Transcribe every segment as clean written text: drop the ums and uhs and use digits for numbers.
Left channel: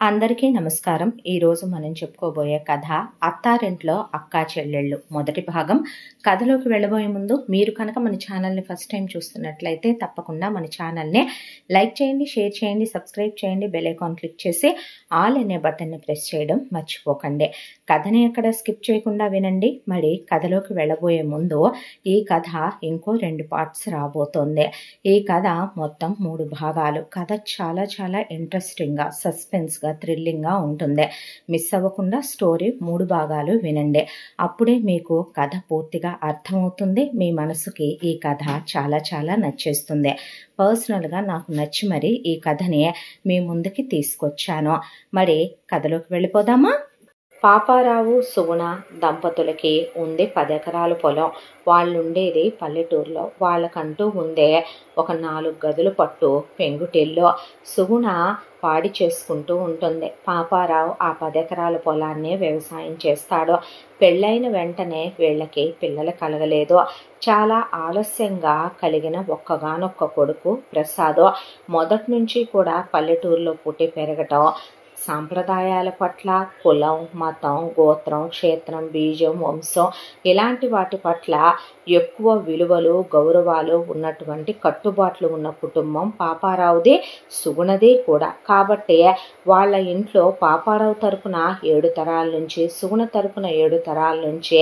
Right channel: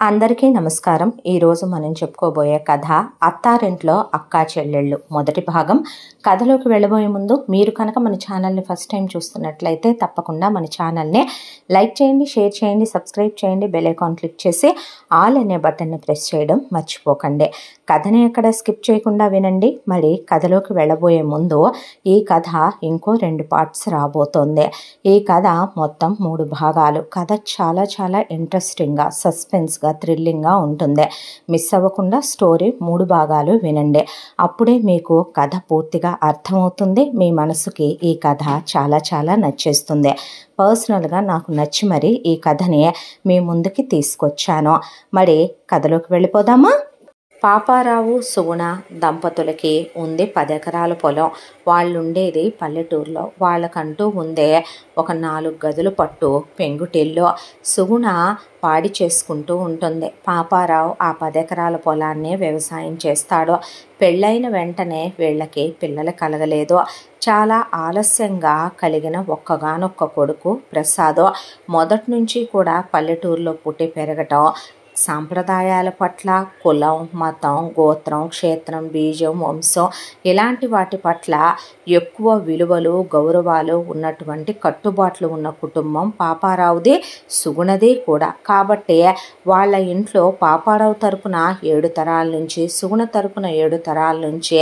అందరికీ నమస్కారం. ఈరోజు మనం చెప్పుకోబోయే కథ అత్తారింట్లో అక్కా చెల్లెళ్ళు మొదటి భాగం. కథలోకి వెళ్ళబోయే ముందు మీరు కనుక మన ఛానల్ని ఫస్ట్ టైం చూస్తున్నట్లయితే తప్పకుండా మన ఛానల్ని లైక్ చేయండి, షేర్ చేయండి, సబ్స్క్రైబ్ చేయండి, బెల్ ఐకాన్ క్లిక్ చేసి ఆల్ అనే బటన్ని ప్రెస్ చేయడం మర్చిపోకండి. కథని ఎక్కడ స్కిప్ చేయకుండా వినండి. మరి కథలోకి వెళ్ళబోయే ముందు ఈ కథ ఇంకో 2 పార్ట్స్ రాబోతోంది. ఈ కథ మొత్తం 3 భాగాలు. కథ చాలా చాలా ఇంట్రెస్టింగ్గా, సస్పెన్స్గా, థ్రిల్లింగ్గా ఉంటుంది. మిస్ అవ్వకుండా స్టోరీ 3 భాగాలు వినండి. అప్పుడే మీకు కథ పూర్తిగా అర్థమవుతుంది. మీ మనసుకి ఈ కథ చాలా చాలా నచ్చేస్తుంది. పర్సనల్గా నాకు నచ్చి మరి ఈ కథని మీ ముందుకి తీసుకొచ్చాను. మరి కథలోకి వెళ్ళిపోదామా? పాపారావు సుగుణ దంపతులకి ఉంది 10 ఎకరాల పొలం. వాళ్ళుండేది పల్లెటూరులో. వాళ్ళకంటూ ఉందే ఒక 4 గదులు పట్టు పెంకుటిల్లు. సుగుణ పాడి చేసుకుంటూ ఉంటుంది. పాపారావు ఆ 10 ఎకరాల పొలాన్ని వ్యవసాయం చేస్తాడు. పెళ్ళైన వెంటనే వీళ్ళకి పిల్లలు కలగలేదు. చాలా ఆలస్యంగా కలిగిన ఒక్కగానొక్క కొడుకు ప్రసాద్. మొదటి నుంచి కూడా పల్లెటూరులో పుట్టి పెరగటం, సాంప్రదాయాల పట్ల, కులం, మతం, గోత్రం, క్షేత్రం, బీజం, వంశం ఇలాంటి వాటి పట్ల ఎక్కువ విలువలు, గౌరవాలు ఉన్నటువంటి కట్టుబాట్లు ఉన్న కుటుంబం పాపారావుది, సుగుణది కూడా. కాబట్టి వాళ్ళ ఇంట్లో పాపారావు తరపున 7 తరాల నుంచి, సుగుణ తరపున 7 తరాల నుంచి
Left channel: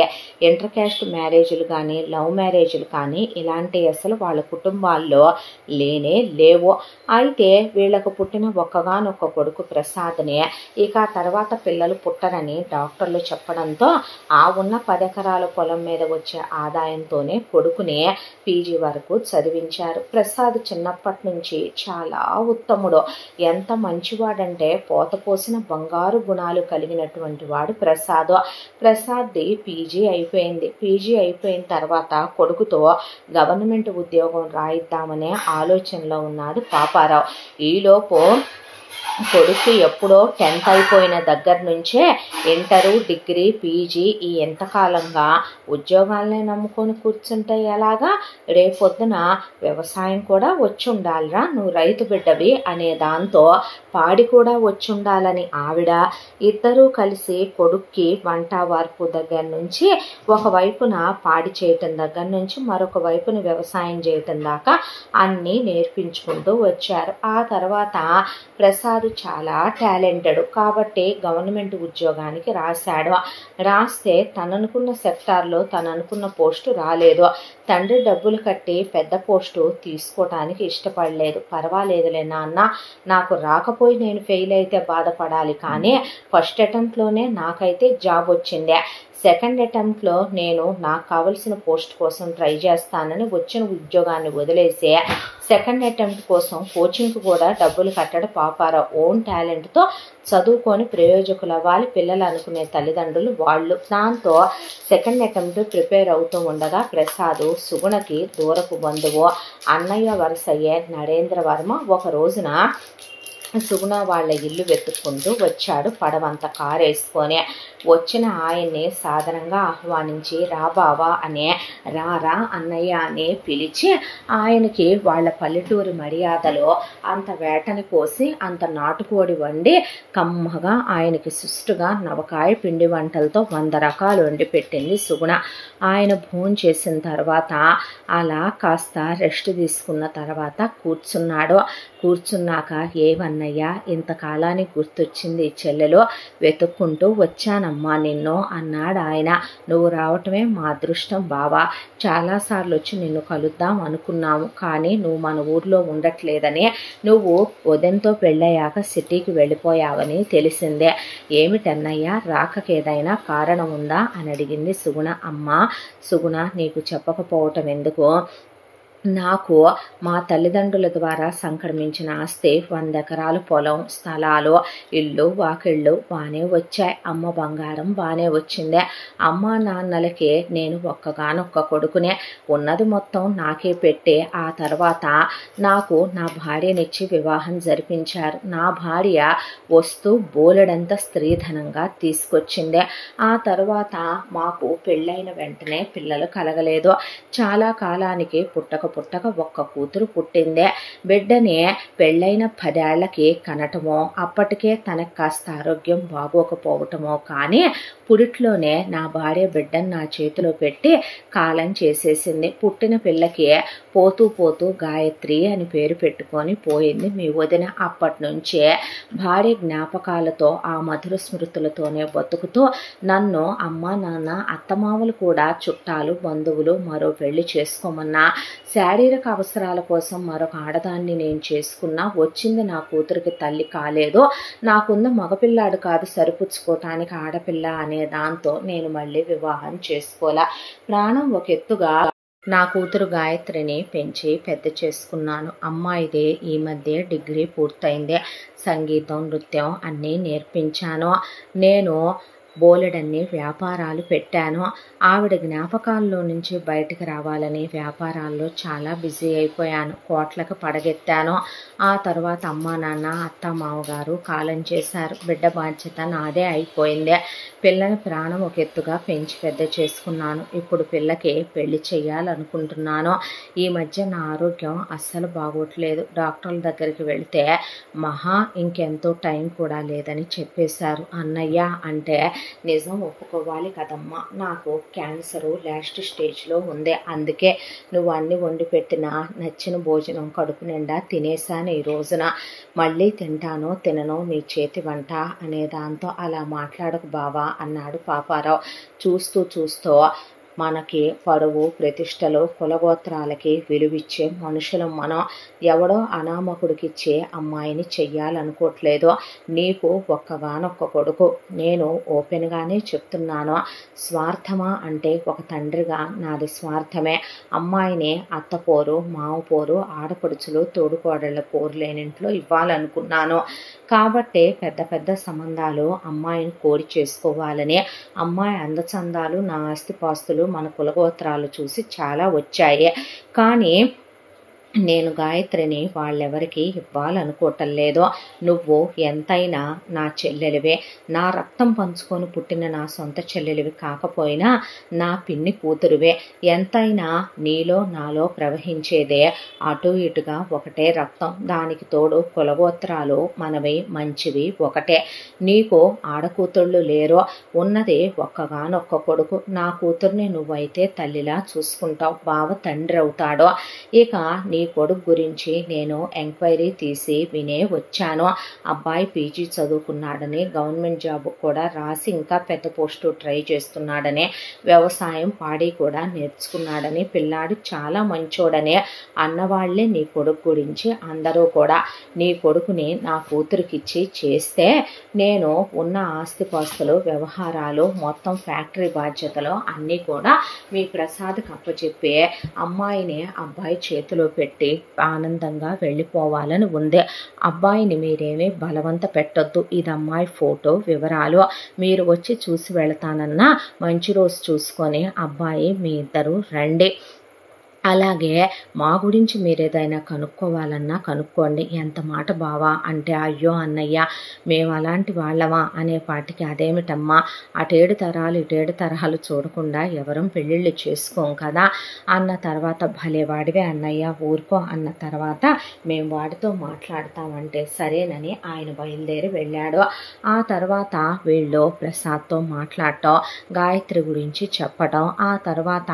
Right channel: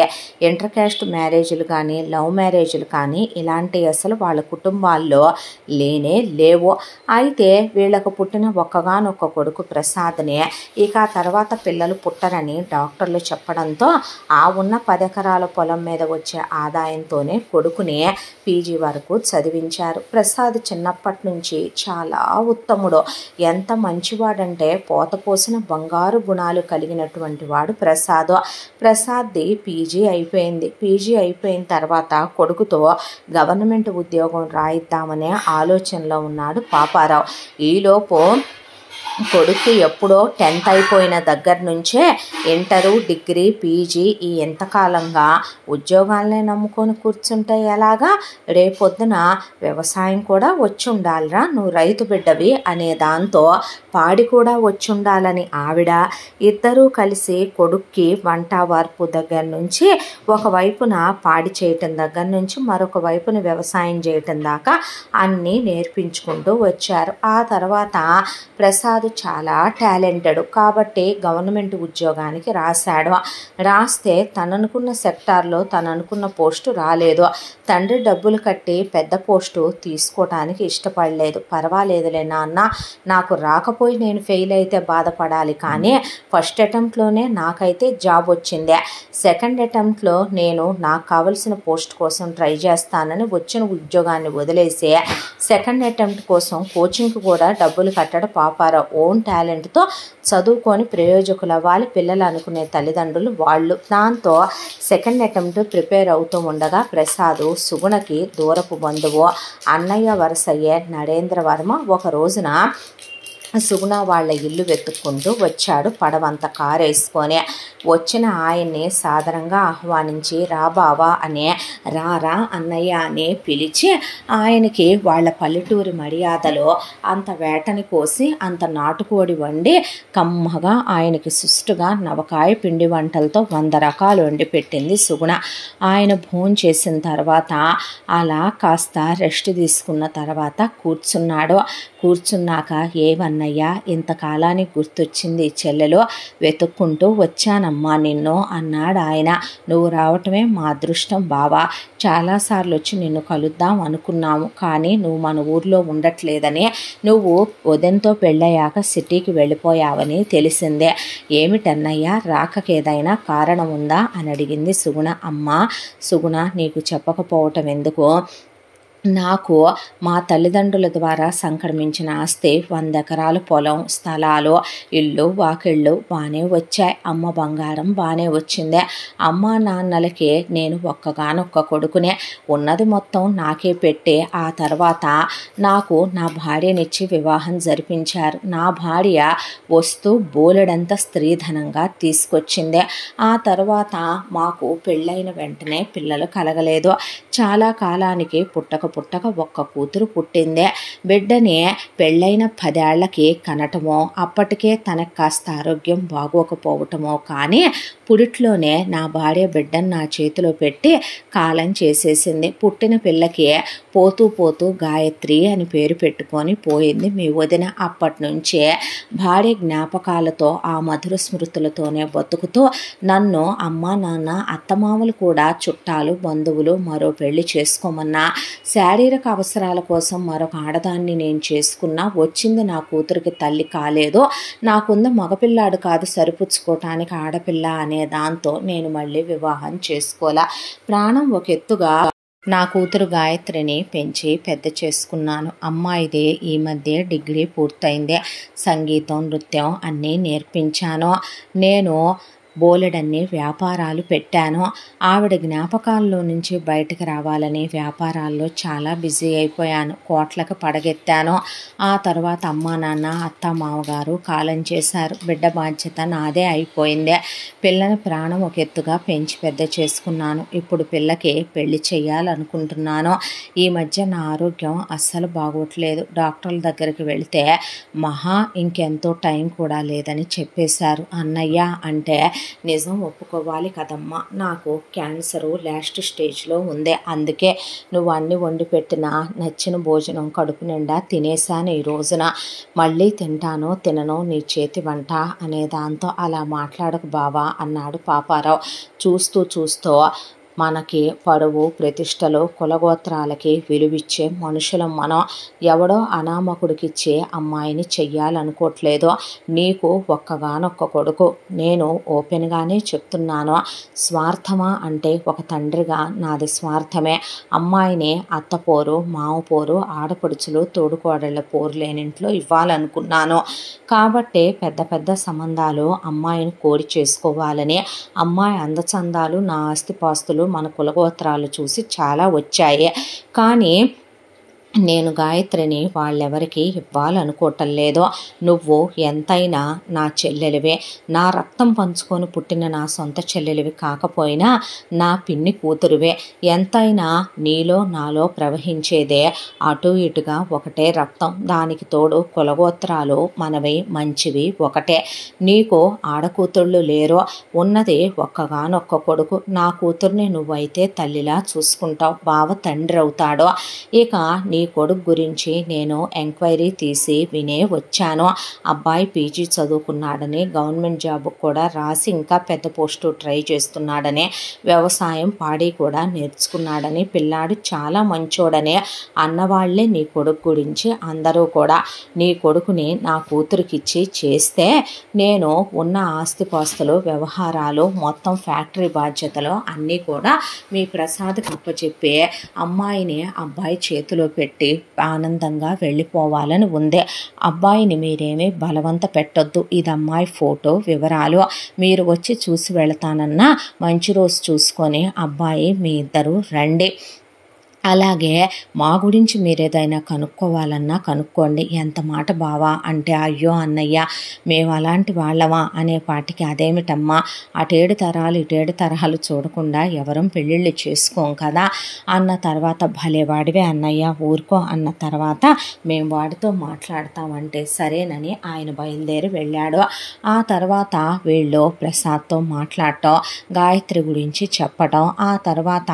ఇంటర్ క్యాస్ట్ మ్యారేజ్లు కానీ, లవ్ మ్యారేజ్లు కానీ ఇలాంటి అసలు వాళ్ళ కుటుంబాల్లో లేనే లేవు. అయితే వీళ్ళకు పుట్టిన ఒక్కగానొక్క కొడుకు ప్రసాద్ని ఇక తర్వాత పిల్లలు పుట్టరని డాక్టర్లు చెప్పడంతో ఆ ఉన్న 10 ఎకరాల పొలం మీద వచ్చే ఆదాయంతోనే కొడుకుని పీజీ వరకు చదివించారు. ప్రసాద్ చిన్నప్పటి నుంచి చాలా ఉత్తముడు. ఎంత మంచివాడంటే పోత పోసిన బంగారు గుణాలు కలిగినటువంటి వాడు ప్రసాద్. ప్రసాద్ది పీజీ అయిపోయింది. పీజీ అయిపోయిన తర్వాత కొడుకుతో గవర్నమెంట్ ఉద్యోగం రాయిద్దామనే ఆలోచనలో ఉన్నాడు పాపారావు. ఈలోపు కొడుకు ఎప్పుడో 10th అయిపోయిన దగ్గర నుంచే ఇంటరు, డిగ్రీ, పీజీ ఈ ఎంతకాలంగా ఉద్యోగాలనే నమ్ముకొని కూర్చుంటే ఎలాగా? రేపొద్దున వ్యవసాయం కూడా వచ్చి ఉండాలిరా, నువ్వు రైతు బిడ్డవి అనే దాంతో పాడి కూడా వచ్చి ఉండాలని ఆవిడ, ఇద్దరూ కలిసి కొడుక్కి వంట వార్పు దగ్గర నుంచి ఒకవైపున పాడి చేయటం దగ్గర నుంచి మరొక వైపున వ్యవసాయం చేయటం దాకా అన్నీ నేర్పించుకుంటూ వచ్చారు. ఆ తర్వాత ప్రసాద్ చాలా టాలెంటెడ్ కాబట్టి గవర్నమెంట్ ఉద్యోగానికి రాశాడు. రాస్తే తననుకున్న సెక్టార్లో తననుకున్న పోస్టు రాలేదు. తండ్రి డబ్బులు కట్టి పెద్ద పోస్టు తీసుకోవటానికి ఇష్టపడలేదు. పర్వాలేదులే నాన్న, నాకు రాకపోయి నేను ఫెయిల్ అయితే బాధపడాలి, కానీ ఫస్ట్ అటెంప్ట్లోనే నాకైతే జాబ్ వచ్చిందే, సెకండ్ అటెంప్ట్లో నేను నాకు కావలసిన పోస్ట్ కోసం ట్రై చేస్తానని వచ్చిన ఉద్యోగాన్ని వదిలేసి సెకండ్ అటెంప్ట్ కోసం కోచింగ్కి కూడా డబ్బులు కట్టడం పాపారావు. ఓన్ టాలెంట్తో చదువుకొని ప్రయోజకులు అవ్వాలి పిల్లలు అనుకునే తల్లిదండ్రులు వాళ్ళు. దాంతో సెకండ్ అటెంప్ట్ ప్రిపేర్ అవుతూ ఉండగా ప్రసాద్ సుగుణకి దూరపు బంధువు, అన్నయ్య వరుసయ్యే నరేంద్ర వర్మ ఒక రోజున సుగుణ వాళ్ళ ఇల్లు వెతుక్కుంటూ వచ్చాడు. పడవంత కారు వేసుకొని వచ్చిన ఆయన్ని సాదరంగా ఆహ్వానించి రా బావా అనే, రారా అన్నయ్య అని పిలిచి ఆయనకి వాళ్ళ పల్లెటూరి మర్యాదలో అంత వేటని కోసి అంత నాటుకోడి వండి కమ్మగా ఆయనకి సుష్టుగా నవకాయ పిండి వంటలతో 100 రకాలు వండి పెట్టింది సుగుణ. ఆయన భోజనం చేసిన తర్వాత అలా కాస్త రెస్ట్ తీసుకున్న తర్వాత కూర్చున్నాడు. కూర్చున్నాక ఏమన్నయ్యా ఇంతకాలానికి గుర్తొచ్చింది చెల్లెలో, వెతుక్కుంటూ వచ్చానమ్మా నిన్ను అన్నాడు ఆయన. నువ్వు రావటమే మా అదృష్టం బావా. చాలాసార్లు వచ్చి నిన్ను కలుద్దాం అనుకున్నాము, కానీ నువ్వు మన ఊర్లో ఉండట్లేదని, నువ్వు ఉదయంతో పెళ్ళయ్యాక సిటీకి వెళ్ళిపోయావని తెలిసిందే. ఏమిటన్నయ్యా రాకకేదైనా కారణం ఉందా అని అడిగింది సుగుణ. అమ్మా సుగుణ, నీకు చెప్పకపోవటం ఎందుకు? నాకు మా తల్లిదండ్రుల ద్వారా సంక్రమించిన ఆస్తి 100 ఎకరాల పొలం, స్థలాలు, ఇల్లు, వాకిళ్ళు బాగానే వచ్చాయి. అమ్మ బంగారం బాగానే వచ్చిందే. అమ్మ నాన్నలకి నేను ఒక్కగానొక్క కొడుకునే. ఉన్నది మొత్తం నాకే పెట్టి ఆ తర్వాత నాకు నా భార్యనిచ్చి వివాహం జరిపించారు. నా భార్య వస్తూ బోలెడంత స్త్రీధనంగా తీసుకొచ్చిందే. ఆ తర్వాత మాకు పెళ్ళైన వెంటనే పిల్లలు కలగలేదు. చాలా కాలానికి పుట్టక పుట్టక ఒక్క కూతురు పుట్టిందే. బిడ్డని పెళ్ళైన 10 ఏళ్లకి కనటమో, అప్పటికే తనకు కాస్త ఆరోగ్యం బాగోకపోవటమో కానీ పురిట్లోనే నా భార్య బిడ్డను నా చేతిలో పెట్టి కాలం చేసేసింది. పుట్టిన పిల్లకి పోతూ పోతూ గాయత్రి అని పేరు పెట్టుకొని పోయింది మీ వదిన. అప్పటి నుంచే భార్య జ్ఞాపకాలతో ఆ మధుర స్మృతులతోనే బతుకుతూ నన్ను అమ్మ నాన్న అత్తమామలు కూడా చుట్టాలు బంధువులు మరో పెళ్లి చేసుకోమన్నా, శారీరక అవసరాల కోసం మరొక ఆడదాన్ని నేను చేసుకున్నా వచ్చింది నా కూతురికి తల్లి కాలేదు, నాకుంది మగపిల్లాడు కాదు సరిపుచ్చుకోవటానికి ఆడపిల్ల అనే దాంతో నేను మళ్ళీ వివాహం చేసుకోలే. ప్రాణం ఒక ఎత్తుగా నా కూతురు గాయత్రిని పెంచి పెద్ద చేసుకున్నాను. అమ్మాయిదే ఈ మధ్య డిగ్రీ పూర్తయింది. సంగీతం నృత్యం అన్నీ నేర్పించాను. నేను బోలెడన్ని వ్యాపారాలు పెట్టాను. ఆవిడ జ్ఞాపకాల్లో నుంచి బయటకు రావాలని వ్యాపారాల్లో చాలా బిజీ అయిపోయాను. కోట్లకు పడగెత్తాను. ఆ తర్వాత అమ్మా నాన్న అత్త మామగారు కాలం చేశారు. బిడ్డ బాధ్యత నాదే అయిపోయింది. పిల్లని ప్రాణం ఒక ఎత్తుగా పెంచి పెద్ద చేసుకున్నాను. ఇప్పుడు పిల్లకి పెళ్లి చేయాలనుకుంటున్నాను. ఈ మధ్య నా ఆరోగ్యం అస్సలు బాగోట్లేదు. డాక్టర్ల దగ్గరికి వెళితే మహా ఇంకెంతో టైం కూడా లేదని చెప్పేశారు. అన్నయ్య అంటే నిజం ఒప్పుకోవాలి కదమ్మా, నాకు క్యాన్సరు లాస్ట్ స్టేజ్లో ఉంది. అందుకే నువ్వు అన్ని వండి పెట్టిన నచ్చిన భోజనం కడుపు నిండా తినేశాను. ఈ రోజున మళ్ళీ తింటానో తిననో నీ చేతి వంట అనే దాంతో అలా మాట్లాడకు బావా అన్నాడు పాపారావు. చూస్తూ మనకి పరువు ప్రతిష్టలు కులగోత్రాలకి విలువిచ్చే మనుషులం మనం. ఎవడో అనామకుడికిచ్చే అమ్మాయిని చెయ్యాలనుకోవట్లేదు. నీకు ఒక్కగానొక్క కొడుకు. నేను ఓపెన్గానే చెప్తున్నాను. స్వార్థమా అంటే ఒక తండ్రిగా నాది స్వార్థమే. అమ్మాయిని అత్తపోరు మామపోరు ఆడపడుచులు తోడుకోడళ్ళ పోరు లేనింట్లో ఇవ్వాలనుకున్నాను. కాబట్టి పెద్ద పెద్ద సంబంధాలు అమ్మాయిని కోరి చేసుకోవాలని, అమ్మాయి అందచందాలు నా ఆస్తిపాస్తులు మన కులగోత్రాలు చూసి చాలా వచ్చాయి. కానీ నేను గాయత్రిని వాళ్ళెవరికి ఇవ్వాలనుకోవటం లేదు. నువ్వు ఎంతైనా నా చెల్లెలివే. నా రక్తం పంచుకొని పుట్టిన నా సొంత చెల్లెలివి కాకపోయినా నా పిన్ని కూతురువే. ఎంతైనా నీలో నాలో ప్రవహించేదే అటు ఇటుగా ఒకటే రక్తం. దానికి తోడు కులగోత్రాలు మనవి మంచివి ఒకటే. నీకు ఆడకూతుళ్ళు లేరో, ఉన్నది ఒక్కగానొక్క కొడుకు. నా కూతుర్ని నువ్వైతే తల్లిలా చూసుకుంటావు, బావ తండ్రి అవుతాడో. ఇక నీ కొడుకు గురించి నేను ఎంక్వైరీ తీసి వినే వచ్చాను. అబ్బాయి పీజీ చదువుకున్నాడని, గవర్నమెంట్ జాబ్ కూడా రాసి ఇంకా పెద్ద పోస్టు ట్రై చేస్తున్నాడని, వ్యవసాయం పాడి కూడా నేర్చుకున్నాడని, పిల్లాడు చాలా మంచోడని అన్నవాళ్లే నీ కొడుకు గురించి అందరూ కూడా. నీ కొడుకుని నా కూతురికిచ్చి చేస్తే నేను ఉన్న ఆస్తిపాస్తులు వ్యవహారాలు మొత్తం ఫ్యాక్టరీ బాధ్యతలు అన్నీ కూడా మీ ప్రసాద్కి అప్పచెప్పి అమ్మాయిని అబ్బాయి చేతిలో పెట్టి ఆనందంగా వెళ్ళిపోవాలని ఉంది. అబ్బాయిని మీరేమీ బలవంత పెట్టొద్దు. ఇది అమ్మాయి ఫోటో వివరాలు. మీరు వచ్చి చూసి వెళతానన్నా మంచి రోజు చూసుకొని అబ్బాయి మీ ఇద్దరు రండి. అలాగే మా గురించి మీరేదైనా కనుక్కోవాలన్నా కనుక్కోండి. ఎంత మాట బావా అంటే, అయ్యో అన్నయ్య మేము అలాంటి వాళ్ళమా అనే పాటికి అదేమిటమ్మా, అటేడు తరాలు ఇటేడు తరహాలు చూడకుండా ఎవరం పెళ్ళిళ్ళు చేసుకోం కదా అన్న తర్వాత, భలేవాడివే అన్నయ్య ఊరుకో అన్న తర్వాత మేము వాడితో మాట్లాడతామంటే సరేనని ఆయన బయలుదేరి వెళ్ళాడు. ఆ తర్వాత వీళ్ళు ప్రసాద్తో మాట్లాడటం, గాయత్రి గురించి చెప్పటం, ఆ తర్వాత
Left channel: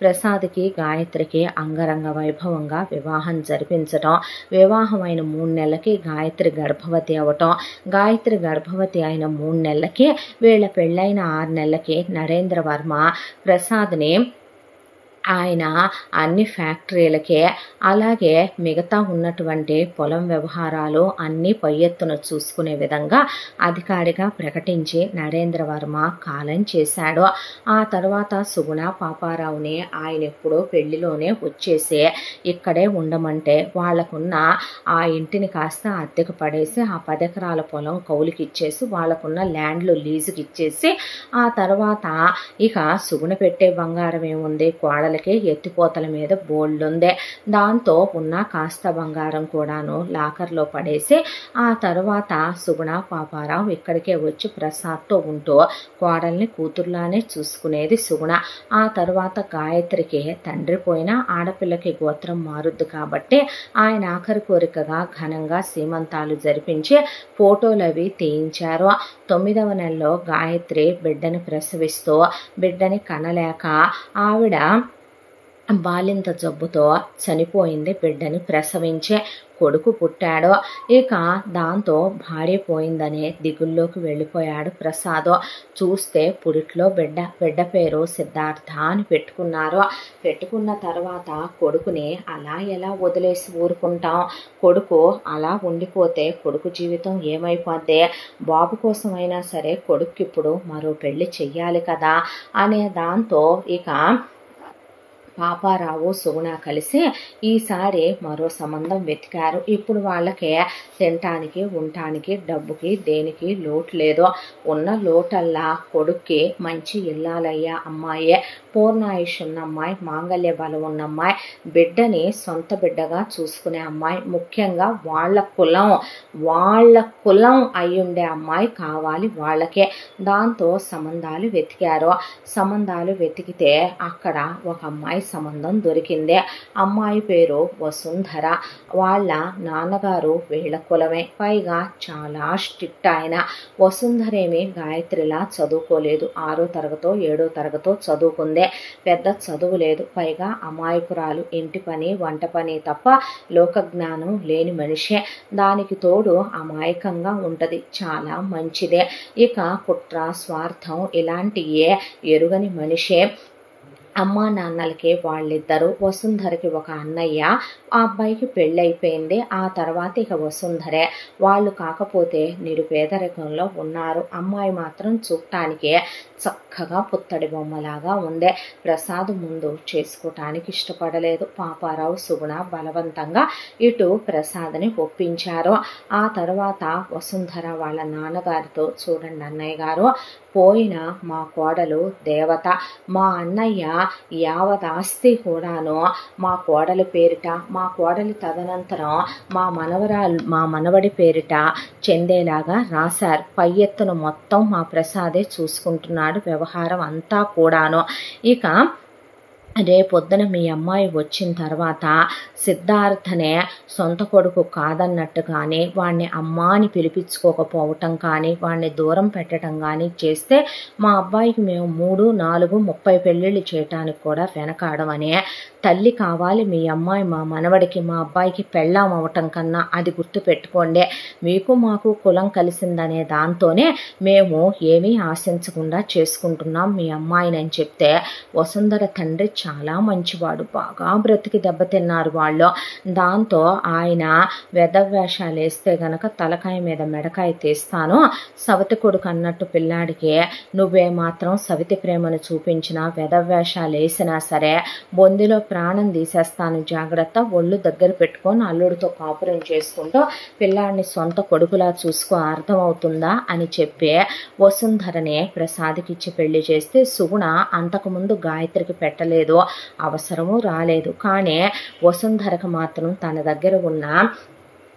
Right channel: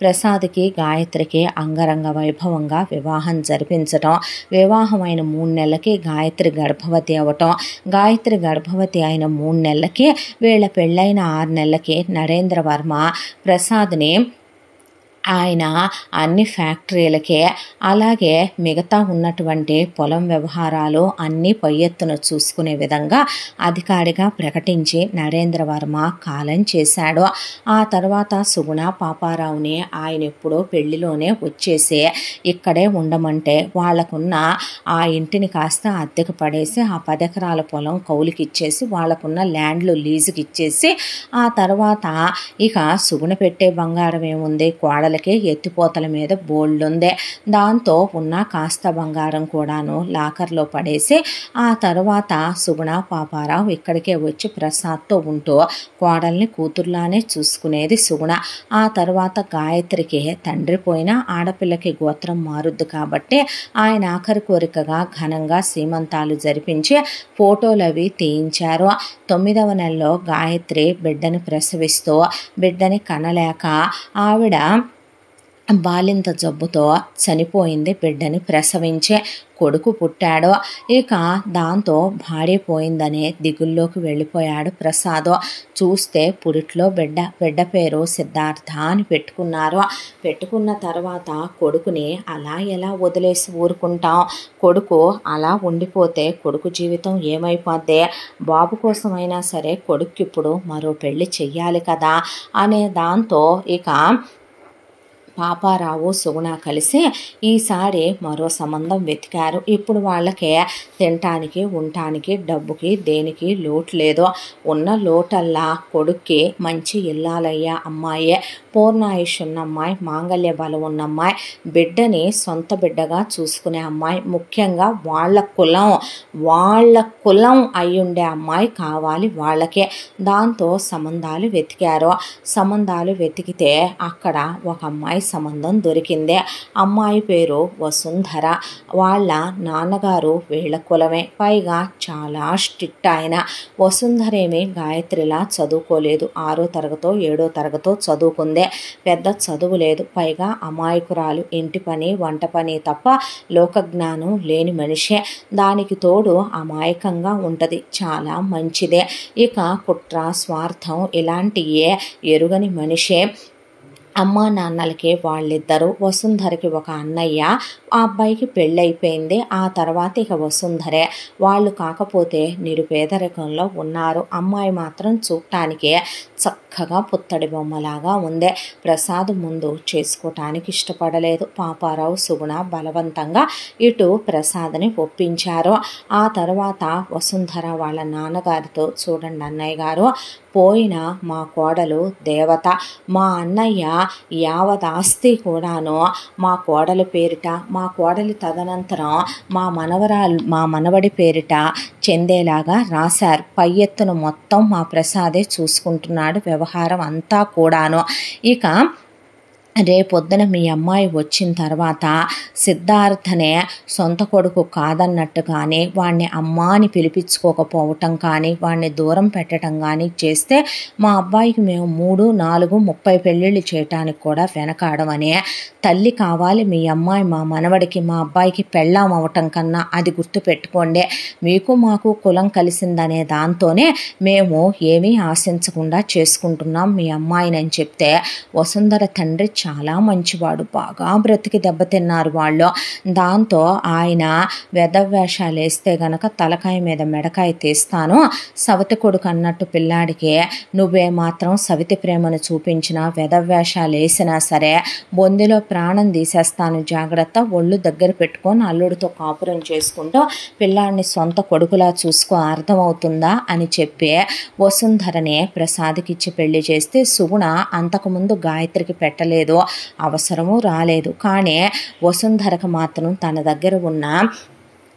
ప్రసాద్కి గాయత్రికి అంగరంగ వైభవంగా వివాహం జరిపించటం, వివాహమైన 3 నెలలకి గాయత్రి గర్భవతి అవ్వటం, గాయత్రి గర్భవతి అయిన 3 నెలలకి వీళ్ళ పెళ్ళైన 6 నెలలకి నరేంద్ర వర్మ ప్రసాద్ని ఆయన అన్ని ఫ్యాక్టరీలకే అలాగే మిగతా ఉన్నటువంటి పొలం వ్యవహారాలు అన్నీ పై ఎత్తున చూసుకునే విధంగా అధికారిగా ప్రకటించి నరేంద్ర వర్మ కాలం చేశాడు. ఆ తర్వాత సుగుణ పాపారావుని ఆయన ఎప్పుడో పెళ్లిలోనే వచ్చేసి ఇక్కడే ఉండమంటే వాళ్లకున్న ఆ ఇంటిని కాస్త అద్దెకు పడేసి ఆ 10 ఎకరాల పొలం కౌలుకి ఇచ్చేసి వాళ్లకున్న ల్యాండ్లు లీజుకి ఇచ్చేసి ఆ తర్వాత ఇక సుగుణ పెట్టే బంగారం ఏముంది, కోడలు అసలకే ఎత్తిపోతల మీద బోల్డుందే. దాంతో ఉన్న కాస్త బంగారం కూడాను లాకర్లో పడేసి ఆ తర్వాత సుగుణ పాపారావు ఇక్కడికే వచ్చి ప్రసాద్తో ఉంటూ కోడల్ని కూతుర్లానే చూసుకునేది సుగుణ. ఆ తర్వాత గాయత్రికి తండ్రి పోయినా ఆడపిల్లకి గోత్రం మారుద్దు కాబట్టి ఆయన ఆఖరి కోరికగా ఘనంగా సీమంతాలు జరిపించి ఫోటోలు అవి తీయించారు. 9వ నెలలో గాయత్రి బిడ్డని ప్రసవిస్తూ బిడ్డని కనలేక ఆవిడ బాలింత జబ్బుతో చనిపోయింది. బిడ్డని ప్రసవించే కొడుకు పుట్టాడు. ఇక దాంతో భార్య పోయిందనే దిగుల్లోకి వెళ్ళిపోయాడు ప్రసాద్. చూస్తే పురిట్లో బిడ్డ పేరు సిద్ధార్థ అని పెట్టుకున్నారు. పెట్టుకున్న తర్వాత కొడుకుని అలా ఎలా వదిలేసి ఊరుకుంటాం? కొడుకు అలా ఉండిపోతే కొడుకు జీవితం ఏమైపోద్ది? బాబు కోసమైనా సరే కొడుకు ఇప్పుడు మరో పెళ్లి చెయ్యాలి కదా అనే దాంతో ఇక పాపారావు సుగుణ కలిసి ఈసారి మరో సంబంధం వెతికారు. ఇప్పుడు వాళ్ళకే తినటానికి ఉండటానికి డబ్బుకి దేనికి లోటు లేదు. ఉన్న లోటల్లా కొడుక్కి మంచి ఇల్లాలయ్యా అమ్మాయే, పూర్ణాయుష్ ఉన్న అమ్మాయి, మాంగళ్య బలం ఉన్న అమ్మాయి, బిడ్డని సొంత బిడ్డగా చూసుకునే అమ్మాయి, ముఖ్యంగా వాళ్ళ కులం అయ్యుండే అమ్మాయి కావాలి వాళ్ళకే. దాంతో సంబంధాలు వెతికారు. సంబంధాలు వెతికితే అక్కడ ఒక అమ్మాయి సంబంధం దొరికిందే. అమ్మాయి పేరు వసుంధర. వాళ్ళ నాన్నగారు వీళ్ళ కులమే, పైగా చాలా స్ట్రిక్ట్ ఆయన. వసుంధరేమి గాయత్రిలా చదువుకోలేదు. 6వ తరగతో 7వ తరగతో చదువుకుందే. పెద్ద చదువు లేదు, పైగా అమాయకురాలు. ఇంటి పని వంట పని తప్ప లోకజ్ఞానం లేని మనిషే. దానికి తోడు అమాయకంగా ఉంటది, చాలా మంచిదే. ఇక కుట్ర స్వార్థం ఇలాంటియే ఎరుగని మనిషే. అమ్మా నాన్నలకి వాళ్ళిద్దరు, వసుంధరకి ఒక అన్నయ్య. ఆ అబ్బాయికి పెళ్ళైపోయింది. ఆ తర్వాత ఇక వసుంధరే. వాళ్ళు కాకపోతే నిరుపేదరికంలో ఉన్నారు. అమ్మాయి మాత్రం చూడటానికి చక్కగా పుత్తడి బొమ్మలాగా ఉందే. ప్రసాద్ ముందు చేసుకోవటానికి ఇష్టపడలేదు. పాపారావు సుగుణ బలవంతంగా ఇటు ప్రసాద్ని ఒప్పించారు. ఆ తర్వాత వసుంధర వాళ్ళ నాన్నగారితో, చూడండి అన్నయ్య గారు, పోయిన మా కోడలు దేవత, మా అన్నయ్య యావదాస్తి కూడాను మా కోడలి పేరిట, మా కోడలి తదనంతరం మా మనవడి పేరిట చెందేలాగా రాశారు. పై ఎత్తున మొత్తం మా ప్రసాదే చూసుకుంటున్నాడు వ్యవహారం అంతా కూడాను. ఇక రేపొద్దున మీ అమ్మాయి వచ్చిన తర్వాత సిద్ధార్థనే సొంత కొడుకు కాదన్నట్టు కానీ, వాడిని అమ్మ అని పిలిపించుకోకపోవటం కానీ, వాడిని దూరం పెట్టడం కానీ చేస్తే మా అబ్బాయికి మేము 3, 4, 30 పెళ్ళిళ్ళు చేయటానికి కూడా వెనకాడమనే. తల్లి కావాలి మీ అమ్మాయి మా మనవడికి, మా అబ్బాయికి పెళ్ళాం అవటం కన్నా, అది గుర్తుపెట్టుకోండి. మీకు మాకు కులం కలిసిందనే దాంతోనే మేము ఏమీ ఆశించకుండా చేసుకుంటున్నాం మీ అమ్మాయిని అని చెప్తే, వసుంధర తండ్రి చాలా మంచివాడు, బాగా బ్రతికి దెబ్బతిన్నారు వాళ్ళు. దాంతో ఆయన వెధవేషాలు వేస్తే గనక తలకాయ మీద మెడకాయ తీస్తాను, సవతి కొడుకు అన్నట్టు పిల్లాడికి నువ్వే మాత్రం సవితి ప్రేమను చూపించిన వెధవేషాలు వేసినా సరే బొందిలో ప్రాణం తీసేస్తాను, జాగ్రత్త, ఒళ్ళు దగ్గర పెట్టుకొని అల్లుడితో కాపురం చేసుకుంటూ పిల్లాడిని సొంత కొడుకులా చూసుకో, అర్థమవుతుందా అని చెప్పి వసుంధరనే ప్రసాద్కిచ్చి పెళ్లి చేస్తే సుగుణ అంతకుముందు గాయత్రికి పెట్టలేదు, అవసరము రాలేదు. కానీ వసుంధరకు మాత్రం తన దగ్గర ఉన్న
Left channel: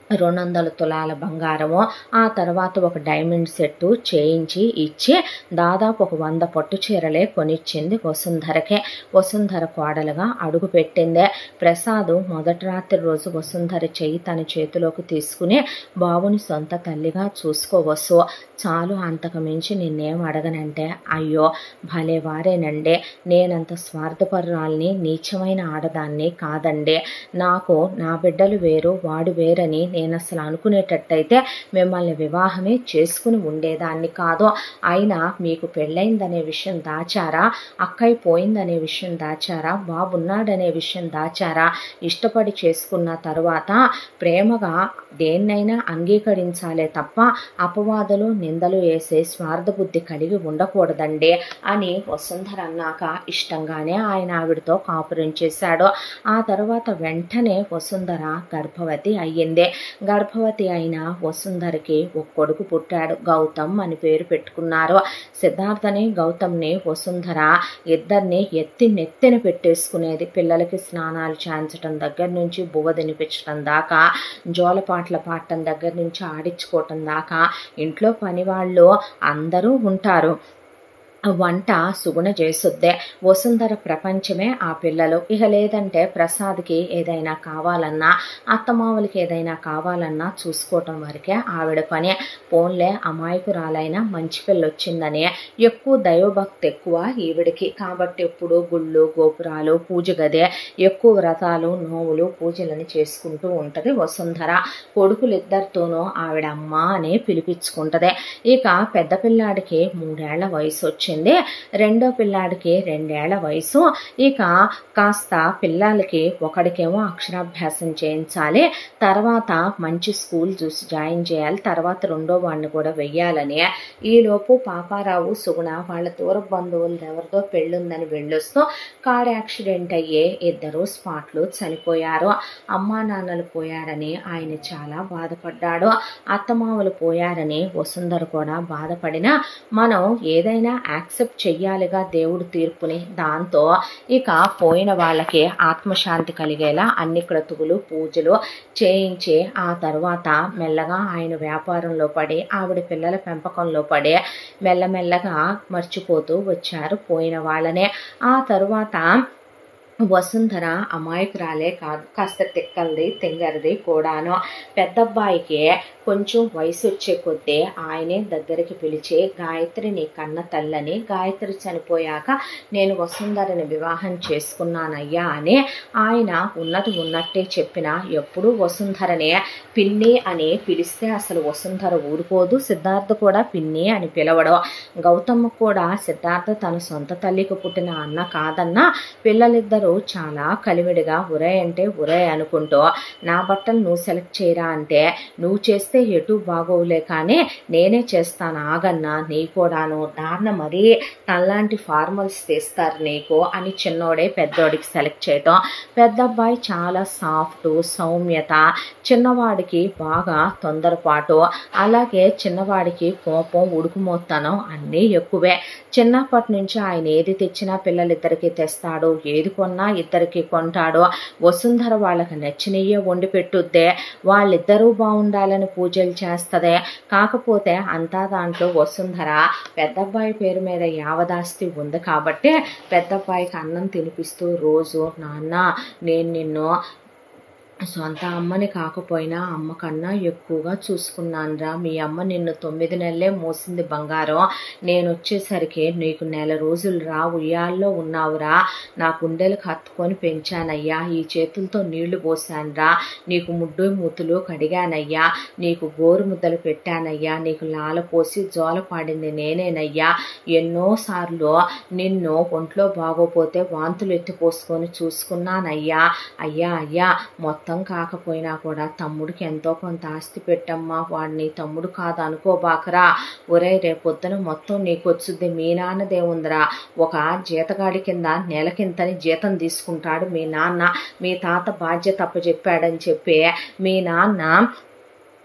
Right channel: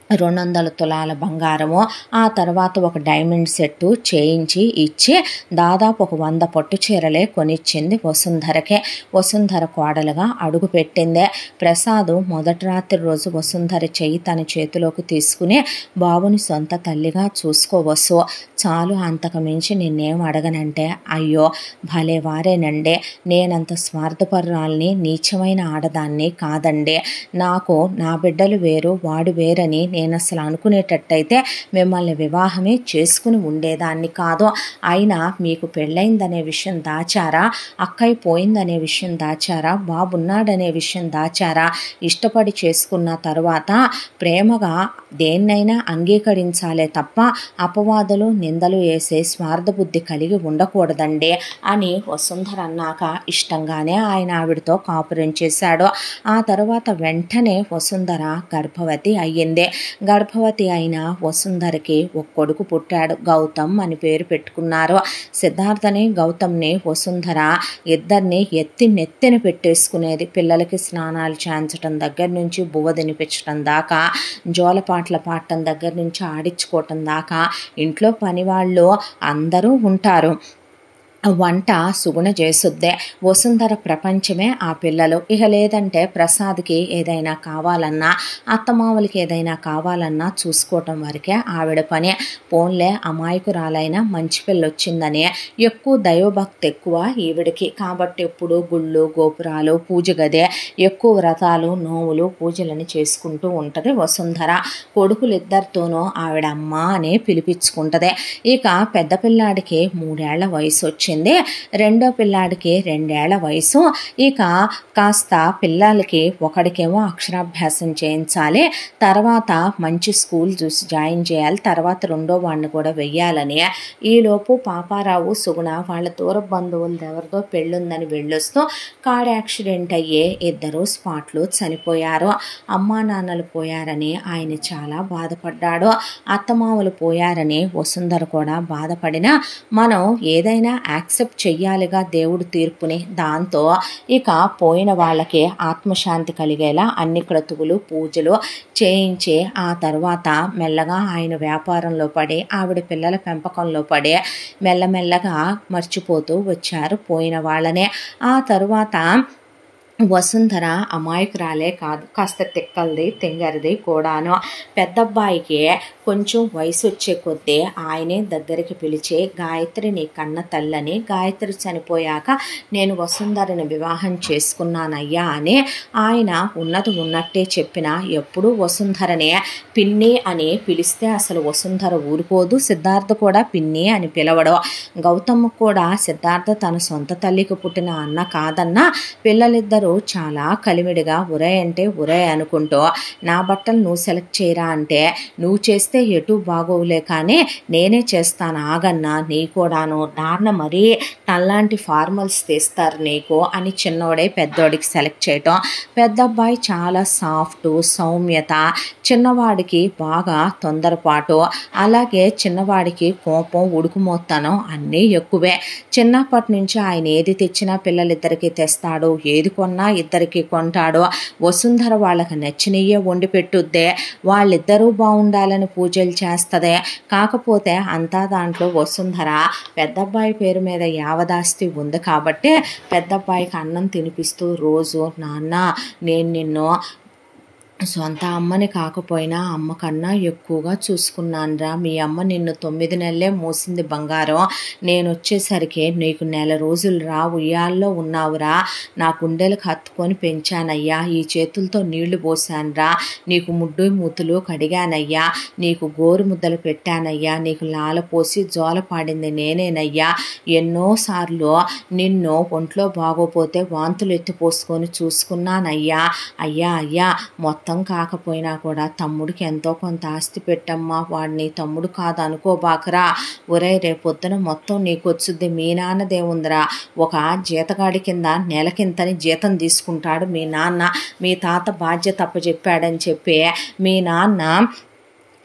200 తులాల బంగారము, ఆ తర్వాత ఒక డైమండ్ సెట్టు చేయించి ఇచ్చి దాదాపు ఒక 100 పట్టు చీరలే కొనిచ్చింది వసుంధరకే. వసుంధర కోడలుగా అడుగు పెట్టిందే. ప్రసాద్ మొదటి రాత్రి రోజు వసుంధర చెయ్యి తన చేతిలోకి తీసుకుని, బాబుని సొంత తల్లిగా చూసుకోవసు, చాలు, అంతకు మించి నిన్నేం అడగనంటే, అయ్యో భలే వారేనండి, నేనంత స్వార్థపరురాల్ని నీచమైన ఆడదాన్ని కాదండి, నాకు నా బిడ్డలు వేరు వాడు వేరని నేను అసలు అనుకునేటట్టయితే మిమ్మల్ని వివాహమే చేసుకుని ఉండేదాన్ని కాదు. అయినా మీకు పెళ్ళైందనే విషయం దాచారా, అక్కయ్య పోయిందనే విషయం దాచారా, బాబున్నాడనే విషయం దాచారా, ఇష్టపడి చేసుకున్న తర్వాత ప్రేమగా దేన్నైనా అంగీకరించాలే తప్ప అపవాదులు నిందలు వేసే స్వార్థ బుద్ధి కలిగి ఉండకూడదండి అని వసుంధర అన్నాక ఇష్టంగానే ఆయన ఆవిడతో కాపురం చేశాడు. ఆ తర్వాత వెంటనే వసుంధర గర్భవతి అయ్యింది. గర్భవతి అయిన వసుంధరకి ఒక కొడుకు పుట్టాడు. గౌతమ్ అని పేరు పెట్టుకున్నారు. సిద్ధార్థని గౌతమ్ని వసుంధర ఇద్దరిని నెత్తిన పెట్టేసుకునేది. పిల్లలకి స్నానాలు చేయించడం దగ్గర నుంచి బువ్వ తినిపించడం దాకా, జోలపాట్ల పాడటం దగ్గర నుంచి ఆడించుకోవటం దాకా ఇంట్లో పనివాళ్ళు అందరూ ఉంటారు. వంట సుగుణ చేసుద్దే. వసుంధర ప్రపంచమే ఆ పిల్లలు. ఇక లేదంటే ప్రసాద్కి ఏదైనా కావాలన్నా, అత్తమావులకి ఏదైనా కావాలన్నా చూసుకోవటం వరకే ఆవిడ పని. పోన్లే అమాయకురాలైన మంచి పిల్ల వచ్చిందని ఎక్కువ దైవభక్తి ఎక్కువ ఈవిడికి. కాబట్టి ఎప్పుడు గుళ్ళు గోపురాలు పూజ గదే, ఎక్కువ వ్రతాలు నోములు పూజలని చేసుకుంటూ ఉంటుంది వసుంధర. కొడుకులిద్దరితోనూ ఆవిడ అమ్మ అనే పిలిపించుకుంటుంది. ఇక పెద్ద పిల్లాడికి 3 ఏళ్ల వయసు వచ్చింది. రెండో పిల్లాడికి 2 ఏళ్ల వయసు. ఇక కాస్త పిల్లలకి ఒకడికేమో అక్షరాభ్యాసం చేయించాలి, తర్వాత మంచి స్కూల్ చూసి జాయిన్ చేయాలి, తర్వాత రెండో వాడిని కూడా వెయ్యాలని. ఈలోపు పాపారావు సుగుణ వాళ్ళ దూర బంధువులు ఎవరిదో పెళ్ళుందని వెళ్ళొస్తూ కార్ యాక్సిడెంట్ అయ్యే ఇద్దరు స్పాట్లో చనిపోయారు. అమ్మా నాన్నలు పోయారని ఆయన చాలా బాధపడ్డాడు. అత్తమామలు పోయారని వసుంధర కూడా బాధపడినా మనం ఏదైనా యాక్సెప్ట్ చెయ్యాలిగా దేవుడి తీర్పుని. దాంతో ఇక పోయిన వాళ్ళకి ఆత్మశాంతి కలిగేలా అన్ని క్రతువులు పూజలు చేయించి ఆ తర్వాత మెల్లగా ఆయన వ్యాపారంలో పడి ఆవిడ పిల్లల పెంపకంలో పడి మెల్లమెల్లగా మర్చిపోతూ వచ్చారు పోయిన వాళ్ళనే. ఆ తరువాత వసుంధర అమాయకురాలే కాదు, కాస్త తిక్కలది తెంగరిది కూడాను. పెద్దబ్బాయికి కొంచెం వయసు వచ్చే కొద్దీ ఆయనే దగ్గరికి పిలిచి గాయత్రి నీ కన్న తల్లని, గాయత్రి చనిపోయాక నేను వసుంధరని వివాహం చేసుకున్నానయ్యా అని ఆయన ఉన్నది ఉన్నట్టే చెప్పిన. ఎప్పుడూ వసుంధరనే పిన్ని అని పిలిస్తే అసలు వసుంధర ఊరుకోదు. సిద్ధార్థ కూడా పిన్ని అని పిలవడం. గౌతమ్ కూడా సిద్ధార్థ తన సొంత తల్లికి పుట్టిన అన్న కాదన్నా పిల్లలిద్దరూ చాలా కలివిడిగా ఉరే అంటే ఉరే అనుకుంటూ నా బట్టలు నువ్వు సెలెక్ట్ చేయరా అంటే నువ్వు చేస్తే ఎటు బాగోవులే కానీ నేనే చేస్తాను ఆగన్నా, నీ కూడాను నాన్న మరీ నల్లాంటి ఫార్మల్స్ తీస్తారు నీకు అని చిన్నోడే పెద్దోడికి సెలెక్ట్ చేయటం. పెద్దబ్బాయి చాలా సాఫ్ట్ సౌమ్యత, చిన్నవాడికి బాగా తొందరపాటు, అలాగే చిన్నవాడికి కోపం ఉడుకుమోత్తనం అన్నీ ఎక్కువే. చిన్నప్పటి నుంచి ఆయన ఏది తెచ్చినా పిల్లలిద్దరికీ తెస్తాడు, ఏది కొన్నా ఇద్దరికి కొంటాడు. వసుంధర వాళ్ళకి నచ్చినయ్యే వండి పెట్టుద్దే, వాళ్ళిద్దరూ బాగుండాలని పూజలు చేస్తదే. కాకపోతే అంతా దాంట్లో వసుంధర పెద్దబ్బాయి పేరు మీద యావదాస్తి ఉంది కాబట్టి పెద్దబ్బాయికి అన్నం తినిపిస్తూ రోజు నాన్న నేను నిన్ను సొంత అమ్మని కాకపోయినా అమ్మ కన్నా ఎక్కువగా చూసుకున్నానురా, మీ అమ్మ నిన్ను 9 నెలలే మోసింది బంగారం, నేను వచ్చేసరికి నీకు 1 నెల రోజులు రా ఉయ్యాల్లో ఉన్నావురా, నా గుండెలకు హత్తుకొని పెంచానయ్యా, ఈ చేతులతో నీళ్లు పోసానురా, నీకు ముడ్డు మూతులు కడిగానయ్యా, నీకు గోరు ముద్దలు పెట్టానయ్యా, నీకు లాల పోసి జోల పాడింది నేనేనయ్యా, ఎన్నోసార్లు నిన్ను ఒంట్లో బాగోపోతే వాంతులు ఎత్తిపోసుకొని చూసుకున్నానయ్యా, అయ్యా అయ్యా మొత్తం కాకపోయినా కూడా తమ్ముడికి ఎంతో కొంత ఆస్తి పెట్టమ్మా, వాడిని తమ్ముడు కాదు అనుకోబాకరా, ఒరే రేపొద్దున మొత్తం నీకు వచ్చుద్ది, మీ నాన్నదే ఉందిరా, ఒక జీతగాడి కింద నెలకింతని జీతం తీసుకుంటాడు మీ నాన్న, మీ తాత బాధ్యత అప్పచెప్పాడని చెప్పి మీ నాన్న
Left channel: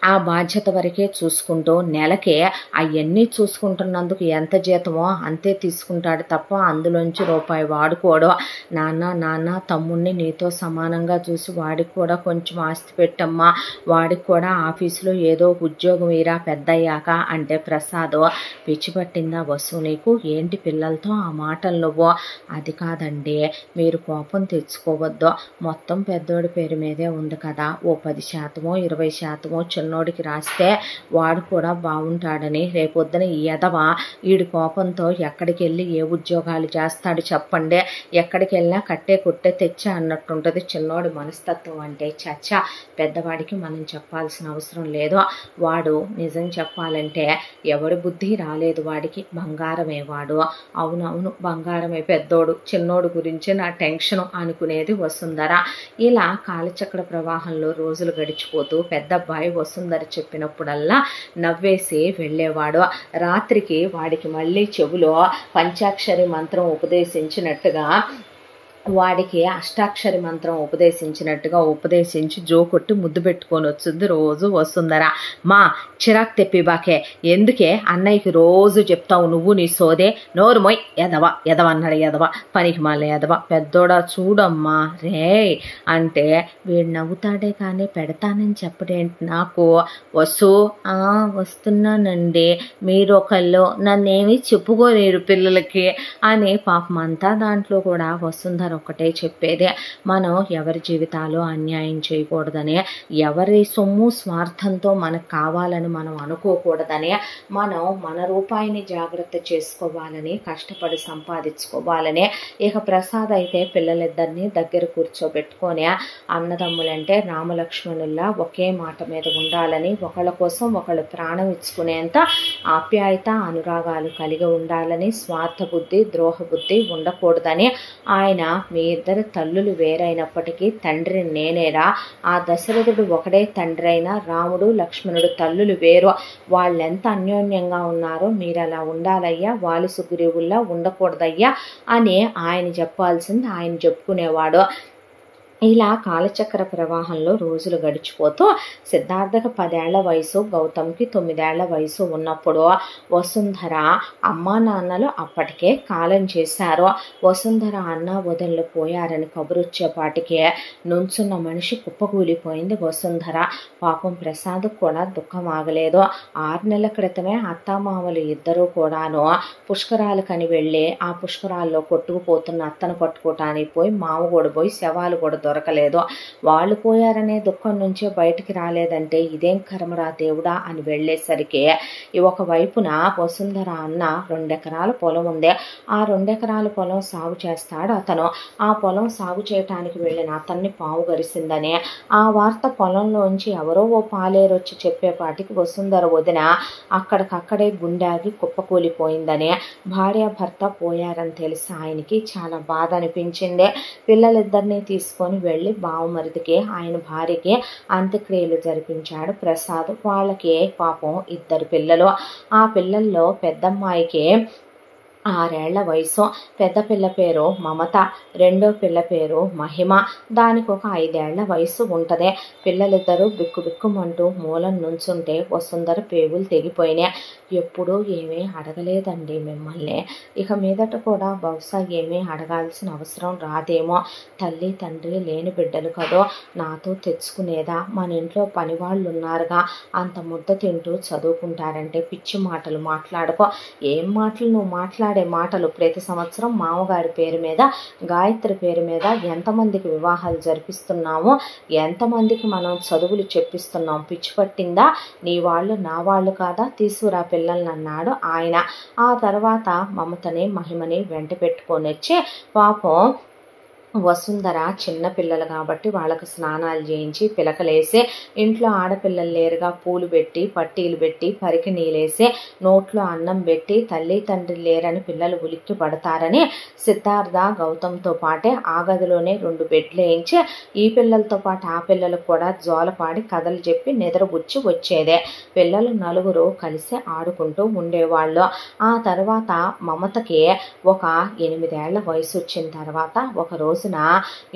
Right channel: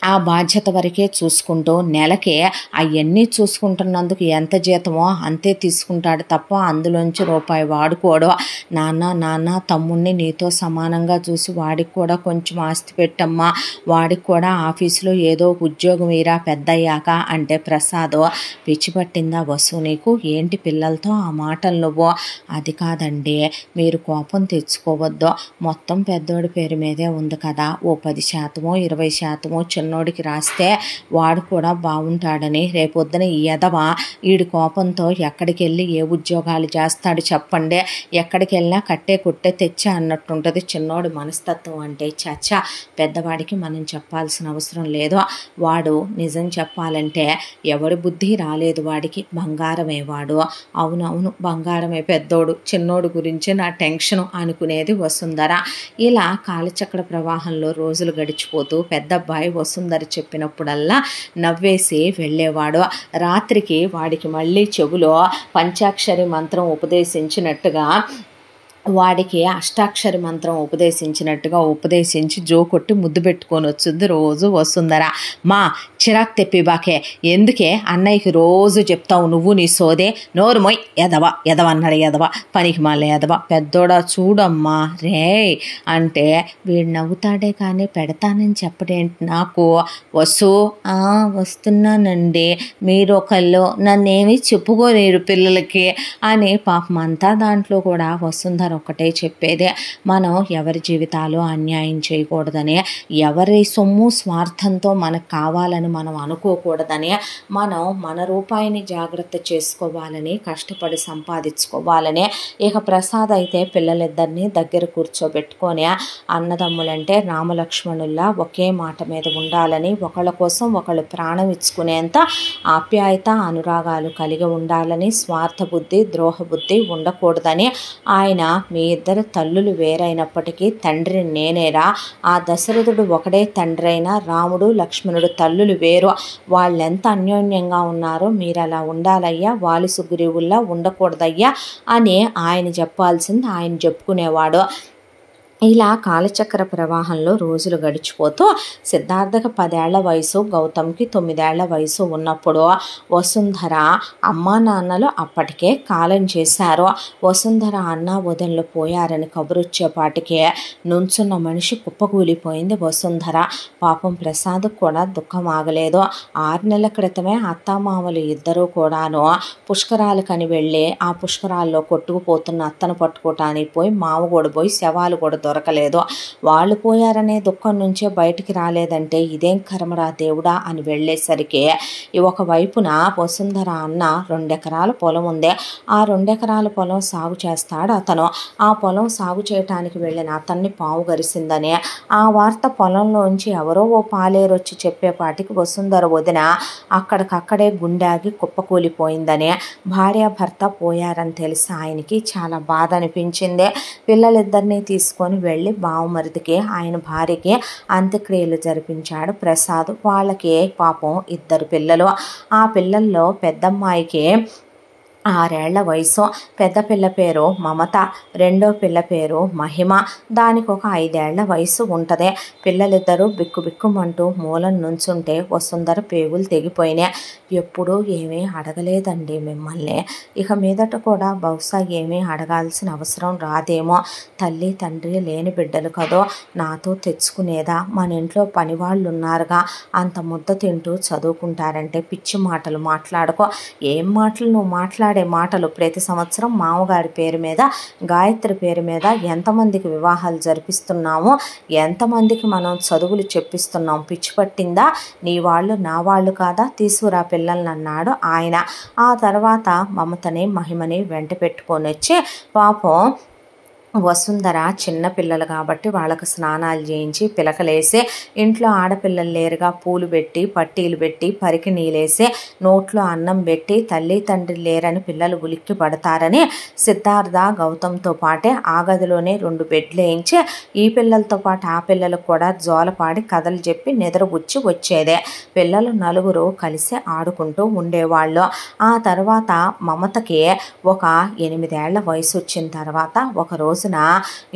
ఆ బాధ్యత వరకే చూసుకుంటూ నెలకే అవన్నీ చూసుకుంటున్నందుకు ఎంత జీతమో అంతే తీసుకుంటాడు తప్ప అందులోంచి రూపాయి వాడుకోవడం. నాన్న తమ్ముడిని నీతో సమానంగా చూసి వాడికి కూడా కొంచెం ఆస్తి పెట్టమ్మా, వాడికి కూడా ఆఫీసులో ఏదో ఉద్యోగం ఇరా పెద్దయ్యాక అంటే ప్రసాద్ పిచ్చి పట్టిందా వసు నీకు, ఏంటి పిల్లలతో ఆ మాటలు నువ్వు, అది కాదండి మీరు కోపం తెచ్చుకోవద్దు, మొత్తం పెద్దోడి పేరు మీదే ఉంది కదా, ఓ 10% 20% చిన్నోడికి రాస్తే వాడు కూడా బాగుంటాడని, రేపొద్దున ఈ ఎదవ వీడి కోపంతో ఎక్కడికి వెళ్ళి ఏ ఉద్యోగాలు చేస్తాడు చెప్పండి, ఎక్కడికి వెళ్ళినా కట్టే కొట్టే తెచ్చా అన్నట్టుంటుంది చిన్నోడి మనస్తత్వం అంటే. చచ్చా పెద్దవాడికి మనం చెప్పాల్సిన అవసరం లేదు, వాడు నిజం చెప్పాలంటే ఎవడి బుద్ధి రాలేదు వాడికి, బంగారమే వాడు, అవునవును బంగారమే పెద్దోడు, చిన్నోడు గురించి నా టెన్షను అనుకునేది వసుంధర. ఇలా కాలచక్ర ప్రవాహంలో రోజులు గడిచిపోతూ పెద్దబ్బాయి వసుంధర చెప్పినప్పుడల్లా నవ్వేసి వెళ్ళేవాడు. రాత్రికి వాడికి మళ్ళీ చెవులో పంచాక్షరి మంత్రం ఉపదేశించినట్టుగా వాడికి అష్టాక్షరి మంత్రం ఉపదేశించినట్టుగా ఉపదేశించి జోకొట్టి ముద్దు పెట్టుకొని వచ్చింది రోజు వసుంధర. మా చిరాకు తెప్పి బాకే, ఎందుకే అన్నయ్యకి రోజు చెప్తావు నువ్వు నీ సోదే, నోరు మొయ్, ఎదవ ఎదవ అన్నాడు, ఎదవ పనికి మళ్ళీ ఎదవ, పెద్దోడా చూడమ్మా రే అంటే వీడు నవ్వుతాడే కానీ పెడతానని చెప్పడేంటి నాకు. వస్తున్నానండి, మీరు ఒకళ్ళు నన్నేమి చెప్పుకోలేరు పిల్లలకి అని పాపం అంతా. దాంట్లో కూడా వసుంధర ఒక్కటే చెప్పేదే, మనం ఎవరి జీవితాలు అన్యాయం చేయకూడదని, ఎవరి సొమ్ము స్వార్థంతో మనకు కావాలని మనం అనుకోకూడదని, మనం మన రూపాయిని జాగ్రత్త చేసుకోవాలని, కష్టపడి సంపాదించుకోవాలని. ఇక ప్రసాద్ అయితే పిల్లలిద్దరినీ దగ్గర కూర్చోబెట్టుకొని అన్నదమ్ములంటే రామలక్ష్మణుల్లా ఒకే మాట మీద ఉండాలని, ఒకళ్ళ కోసం ఒకళ్ళు ప్రాణం ఇచ్చుకునేంత ఆప్యాయత అనురాగాలు కలిగి ఉండాలని, స్వార్థ బుద్ధి ద్రోహ బుద్ధి ఉండకూడదని ఆయన మీ ఇద్దరు తల్లులు వేరైనప్పటికీ తండ్రి నేనేరా, ఆ దశరథుడు ఒకడే తండ్రి అయినా రాముడు లక్ష్మణుడు తల్లులు వేరు, వాళ్ళెంత అన్యోన్యంగా ఉన్నారో మీరు అలా ఉండాలయ్యా, వాలి సుగ్రీవుల్లా ఉండకూడదయ్యా అని ఆయన చెప్పాల్సింది ఆయన చెప్పుకునేవాడు. ఇలా కాలచక్ర ప్రవాహంలో రోజులు గడిచిపోతూ సిద్ధార్థకి 10 ఏళ్ల వయసు, గౌతమ్కి 9 ఏళ్ల వయసు ఉన్నప్పుడు వసుంధర అమ్మా నాన్నలు అప్పటికే కాలం చేశారు. వసుంధర అన్న వదినలు పోయారని కబురొచ్చేపాటికే నుంచున్న మనిషి కుప్పకూలిపోయింది వసుంధర. పాపం ప్రసాద్ కూడా దుఃఖం ఆగలేదు. 6 నెలల క్రితమే అత్తామామలు ఇద్దరూ కూడాను పుష్కరాలకని వెళ్ళి ఆ పుష్కరాల్లో కొట్టుకుపోతున్న అత్తను పట్టుకోవటానికి పోయి మామగోడు పోయి శవాలు కూడా దొరకలేదు. వాళ్ళు పోయారనే దుఃఖం నుంచే బయటికి రాలేదంటే ఇదేం కర్మరా దేవుడా అని వెళ్ళేసరికి ఒకవైపున వసుంధర అన్న 2 ఎకరాల పొలం ఉంది. ఆ 2 ఎకరాల పొలం సాగు చేస్తాడు అతను. ఆ పొలం సాగు చేయటానికి వెళ్ళిన అతన్ని పాము గరిసిందని ఆ వార్త పొలంలోంచి ఎవరో ఓ పాలేరు వచ్చి చెప్పేపాటికి వసుంధర వదిన అక్కడికక్కడే గుండాగి కుప్పకూలిపోయిందని, భార్యాభర్త పోయారని తెలిసి ఆయనకి చాలా బాధ అనిపించింది. పిల్లలిద్దరినీ తీసుకొని వెళ్ళి బావమరిదికి ఆయన భార్యకి అంత్యక్రియలు జరిపించాడు ప్రసాద్. వాళ్ళకి పాపం 2 పిల్లలు. ఆ పిల్లల్లో పెద్దమ్మాయికి 6 ఏళ్ల వయసు, పెద్ద పిల్ల పేరు మమత, రెండో పిల్ల పేరు మహిమ, దానికి ఒక 5 ఏళ్ల వయసు ఉంటుంది. పిల్లలిద్దరూ బిక్కుబిక్కుమంటూ మూలం నుంచుంటే వసుంధర పేగులు తెగిపోయినాయి. ఎప్పుడూ ఏమీ అడగలేదండి మిమ్మల్ని, ఇక మీదట కూడా బహుశా ఏమీ అడగాల్సిన అవసరం రాదేమో, తల్లి తండ్రి లేని బిడ్డలు కదో, నాతో తెచ్చుకునేదా, మన ఇంట్లో పనివాళ్ళు ఉన్నారుగా, అంత ముద్ద తింటూ చదువుకుంటారంటే పిచ్చి మాటలు మాట్లాడుకో. ఏం మాటలు నువ్వు మాట్లాడే మాటలు? ప్రతి సంవత్సరం మామగారి పేరు మీద గాయత్రి పేరు మీద ఎంతమందికి వివాహాలు జరిపిస్తున్నాము, ఎంతమందికి మనం చదువులు చెప్పిస్తున్నాం, పిచ్చి పట్టిందా, నీ వాళ్ళు నా వాళ్ళు కాదా, తీసుకురా పిల్లల్ని అన్నాడు ఆయన. ఆ తర్వాత మమతని మహిమని వెంట పెట్టుకొని వచ్చి పాపం వసుంధర చిన్నపిల్లలు కాబట్టి వాళ్ళకు స్నానాలు చేయించి పిలకలేసి, ఇంట్లో ఆడపిల్లలు లేరుగా పూలు పెట్టి పట్టీలు పెట్టి పరికి నీళ్ళేసి నోట్లో అన్నం పెట్టి, తల్లి తండ్రి లేరని పిల్లలు ఉలిక్కి పడతారని సిద్ధార్థ గౌతమ్తో పాటే ఆ గదిలోనే 2 బెడ్లు వేయించి ఈ పిల్లలతో పాటు ఆ పిల్లలకు కూడా జోలపాడి కథలు చెప్పి నిద్రపుచ్చి వచ్చేదే. పిల్లలు 4 కలిసి ఆడుకుంటూ ఉండేవాళ్ళు. ఆ తర్వాత మమతకి ఒక 8 ఏళ్ల వయసు వచ్చిన తర్వాత ఒకరోజు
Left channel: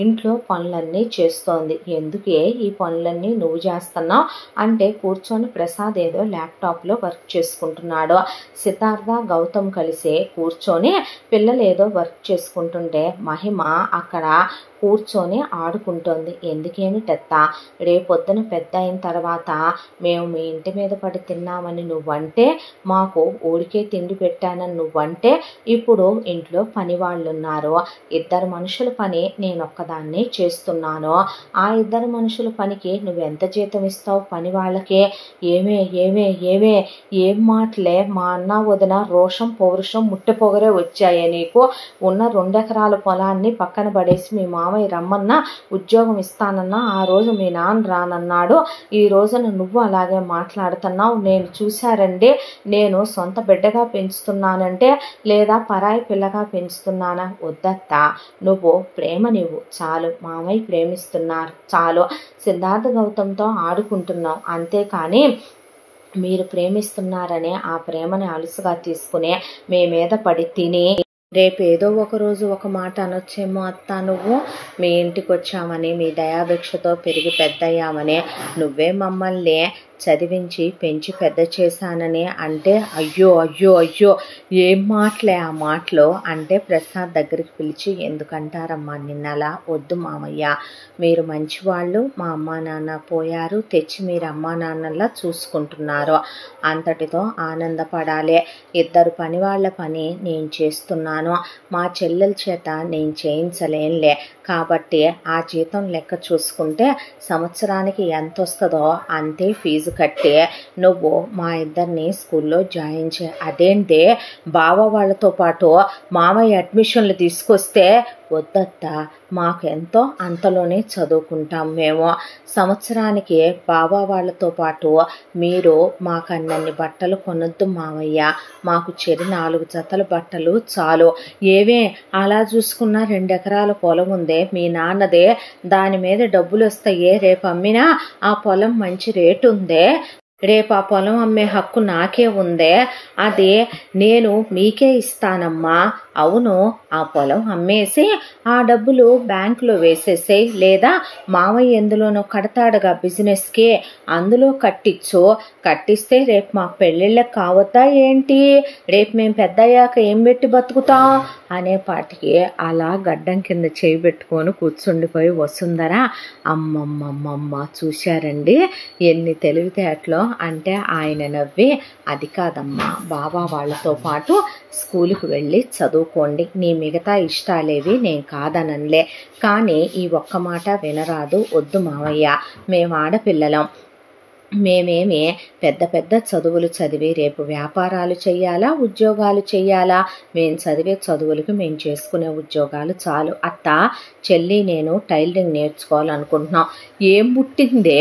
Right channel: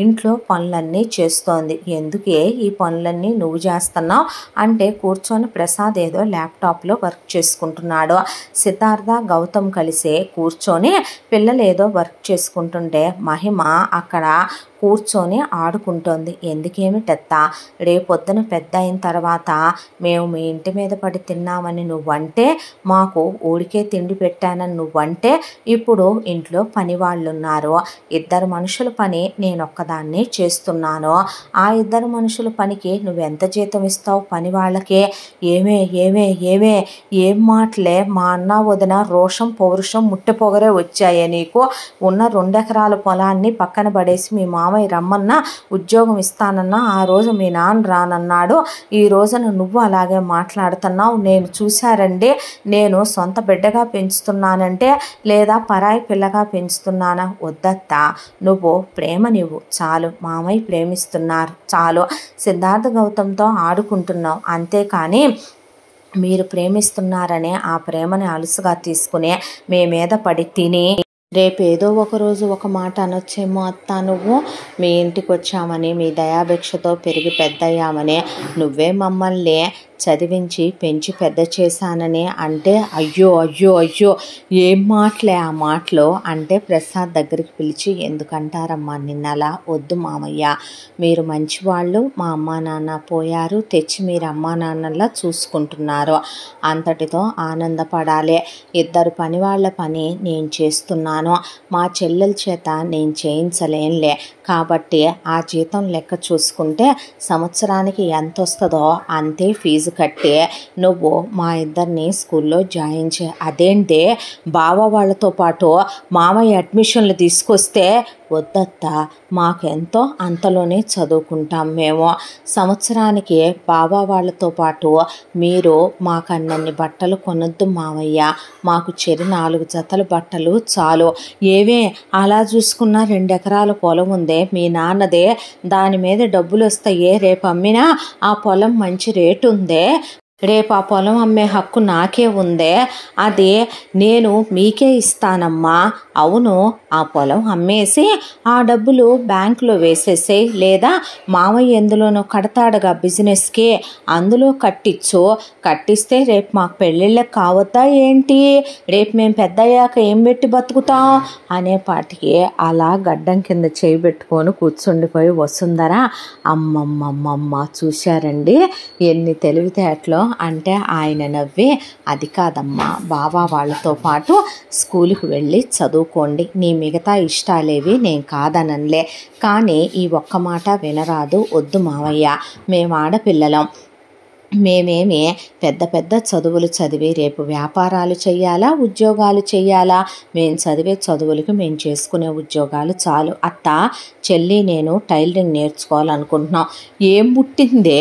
ఇంట్లో పనులన్నీ చేస్తోంది. ఎందుకే ఈ పనులన్నీ నువ్వు చేస్తున్నావు అంటే కూర్చొని ప్రసాద్ ఏదో ల్యాప్టాప్లో వర్క్ చేసుకుంటున్నాడు. సిద్ధార్థ గౌతమ్ కలిసి కూర్చొని పిల్లలు ఏదో వర్క్ చేసుకుంటుంటే మహిమ అక్కడ కూర్చొని ఆడుకుంటోంది. ఎందుకేమిటత్తా, రేపొద్దున పెద్ద అయిన తర్వాత మేము మీ ఇంటి మీద పడి తిన్నామని నువ్వంటే, మాకు ఊరికే తిండి పెట్టానని నువ్వంటే, ఇప్పుడు ఇంట్లో పని వాళ్ళు ఉన్నారు, 2 మనుషుల పని నేనొక్కదాన్నే చేస్తున్నాను, ఆ 2 మనుషుల పనికి నువ్వెంత జీతం ఇస్తావు పని వాళ్ళకే? ఏమే ఏమే ఏమే ఏం మాటలే, మా అన్న వదిన రోషం పౌరుషం ముట్టె పొగరే వచ్చాయే నీకు? ఉన్న 2 ఎకరాల పొలాన్ని పక్కన పడేసి మీ మామయ్య రమ్మన్నా ఉద్యోగం ఇస్తానన్నా ఆ రోజు మీ నాన్న రానన్నాడు, ఈ రోజున నువ్వు అలాగే మాట్లాడుతున్నావు. నేను చూశారండి, నేను సొంత బిడ్డగా పెంచుతున్నానంటే లేదా పరాయి పిల్లగా పెంచుతున్నానా? వద్దత్తా, నువ్వు ప్రేమ నీవు చాలు, మామయ్య ప్రేమిస్తున్నారు చాలు, సిద్ధార్థ గౌతమ్తో ఆడుకుంటున్నావు అంతేకాని మీరు ప్రేమిస్తున్నారనే ఆ ప్రేమని అలుసుగా తీసుకుని మీ మీద పడి తిని రేపు ఏదో ఒకరోజు ఒక మాట అనొచ్చేమో అత్త, నువ్వు మీ ఇంటికి వచ్చామని, మీ దయాభిక్షతో పెరిగి పెద్దయ్యామని, నువ్వే మమ్మల్ని చదివించి పెంచి పెద్ద చేశానని అంటే, అయ్యో అయ్యో అయ్యో ఏం మాటలే ఆ మాటలు అంటే ప్రసాద్ దగ్గరికి పిలిచి, ఎందుకంటారమ్మా నిన్నలా, వద్దు మామయ్య, మీరు మంచివాళ్ళు, మా అమ్మా నాన్న పోయారు, తెచ్చి మీరు అమ్మా నాన్నలా చూసుకుంటున్నారు, అంతటితో ఆనందపడాలి. ఇద్దరు పని వాళ్ళ పని నేను చేస్తున్నాను, మా చెల్లెల చేత నేను చేయించలేనులే, కాబట్టి ఆ జీతం లెక్క చూసుకుంటే సంవత్సరానికి ఎంత వస్తుందో అంతే ఫీజు కట్టి నువ్వు మా ఇద్దరిని స్కూల్లో జాయిన్ చే. అదేంటి బావ వాళ్ళతో పాటు మామయ్య అడ్మిషన్లు తీసుకొస్తే, వద్దత్తా, మాకెంతో అంతలోనే చదువుకుంటాం మేము, సంవత్సరానికి బావ వాళ్ళతో పాటు మీరు మాకన్నన్ని బట్టలు కొనొద్దు మామయ్య, మాకు చెరి 4 జతల బట్టలు చాలు. ఏవే అలా చూసుకున్నా 2 ఎకరాల పొలం ఉందే మీ నాన్నదే, దాని మీద డబ్బులు వస్తాయే, రేపు అమ్మినా ఆ పొలం మంచి రేటు ఉందే, రేపు ఆ పొలం అమ్మే హక్కు నాకే ఉందే, అది నేను మీకే ఇస్తానమ్మా. అవును, ఆ పొలం అమ్మేసి ఆ డబ్బులు బ్యాంకులో వేసేసే, లేదా మామయ్య ఎందులోనూ కడతాడుగా బిజినెస్కి, అందులో కట్టించు, కట్టిస్తే రేపు మాకు పెళ్ళిళ్ళకి కావద్దా ఏంటి, రేపు మేము పెద్దయ్యాక ఏం పెట్టి బతుకుతాం అనేపాటికి అలా గడ్డం కింద చేయి పెట్టుకొని కూర్చుండిపోయి వసుంధర, అమ్మమ్మమ్మమ్మ చూశారండి ఎన్ని తెలివితేటలో అంటే ఆయన నవ్వి, అది కాదమ్మా, బావా వాళ్ళతో పాటు స్కూలుకి వెళ్ళి చదువుకోండి, నీ మిగతా ఇష్టాలేవి నేను కాదనలే, కానీ ఈ ఒక్క మాట వినరాదు, వద్దు మావయ్య, మేము ఆడపిల్లలం, మేమేమి పెద్ద పెద్ద చదువులు చదివి రేపు వ్యాపారాలు చెయ్యాలా, ఉద్యోగాలు చెయ్యాలా, మేము చదివే చదువులకి మేము చేసుకునే ఉద్యోగాలు చాలు. అత్త, చెల్లి నేను టైలరింగ్ నేర్చుకోవాలనుకుంటున్నాం. ఏం పుట్టిందే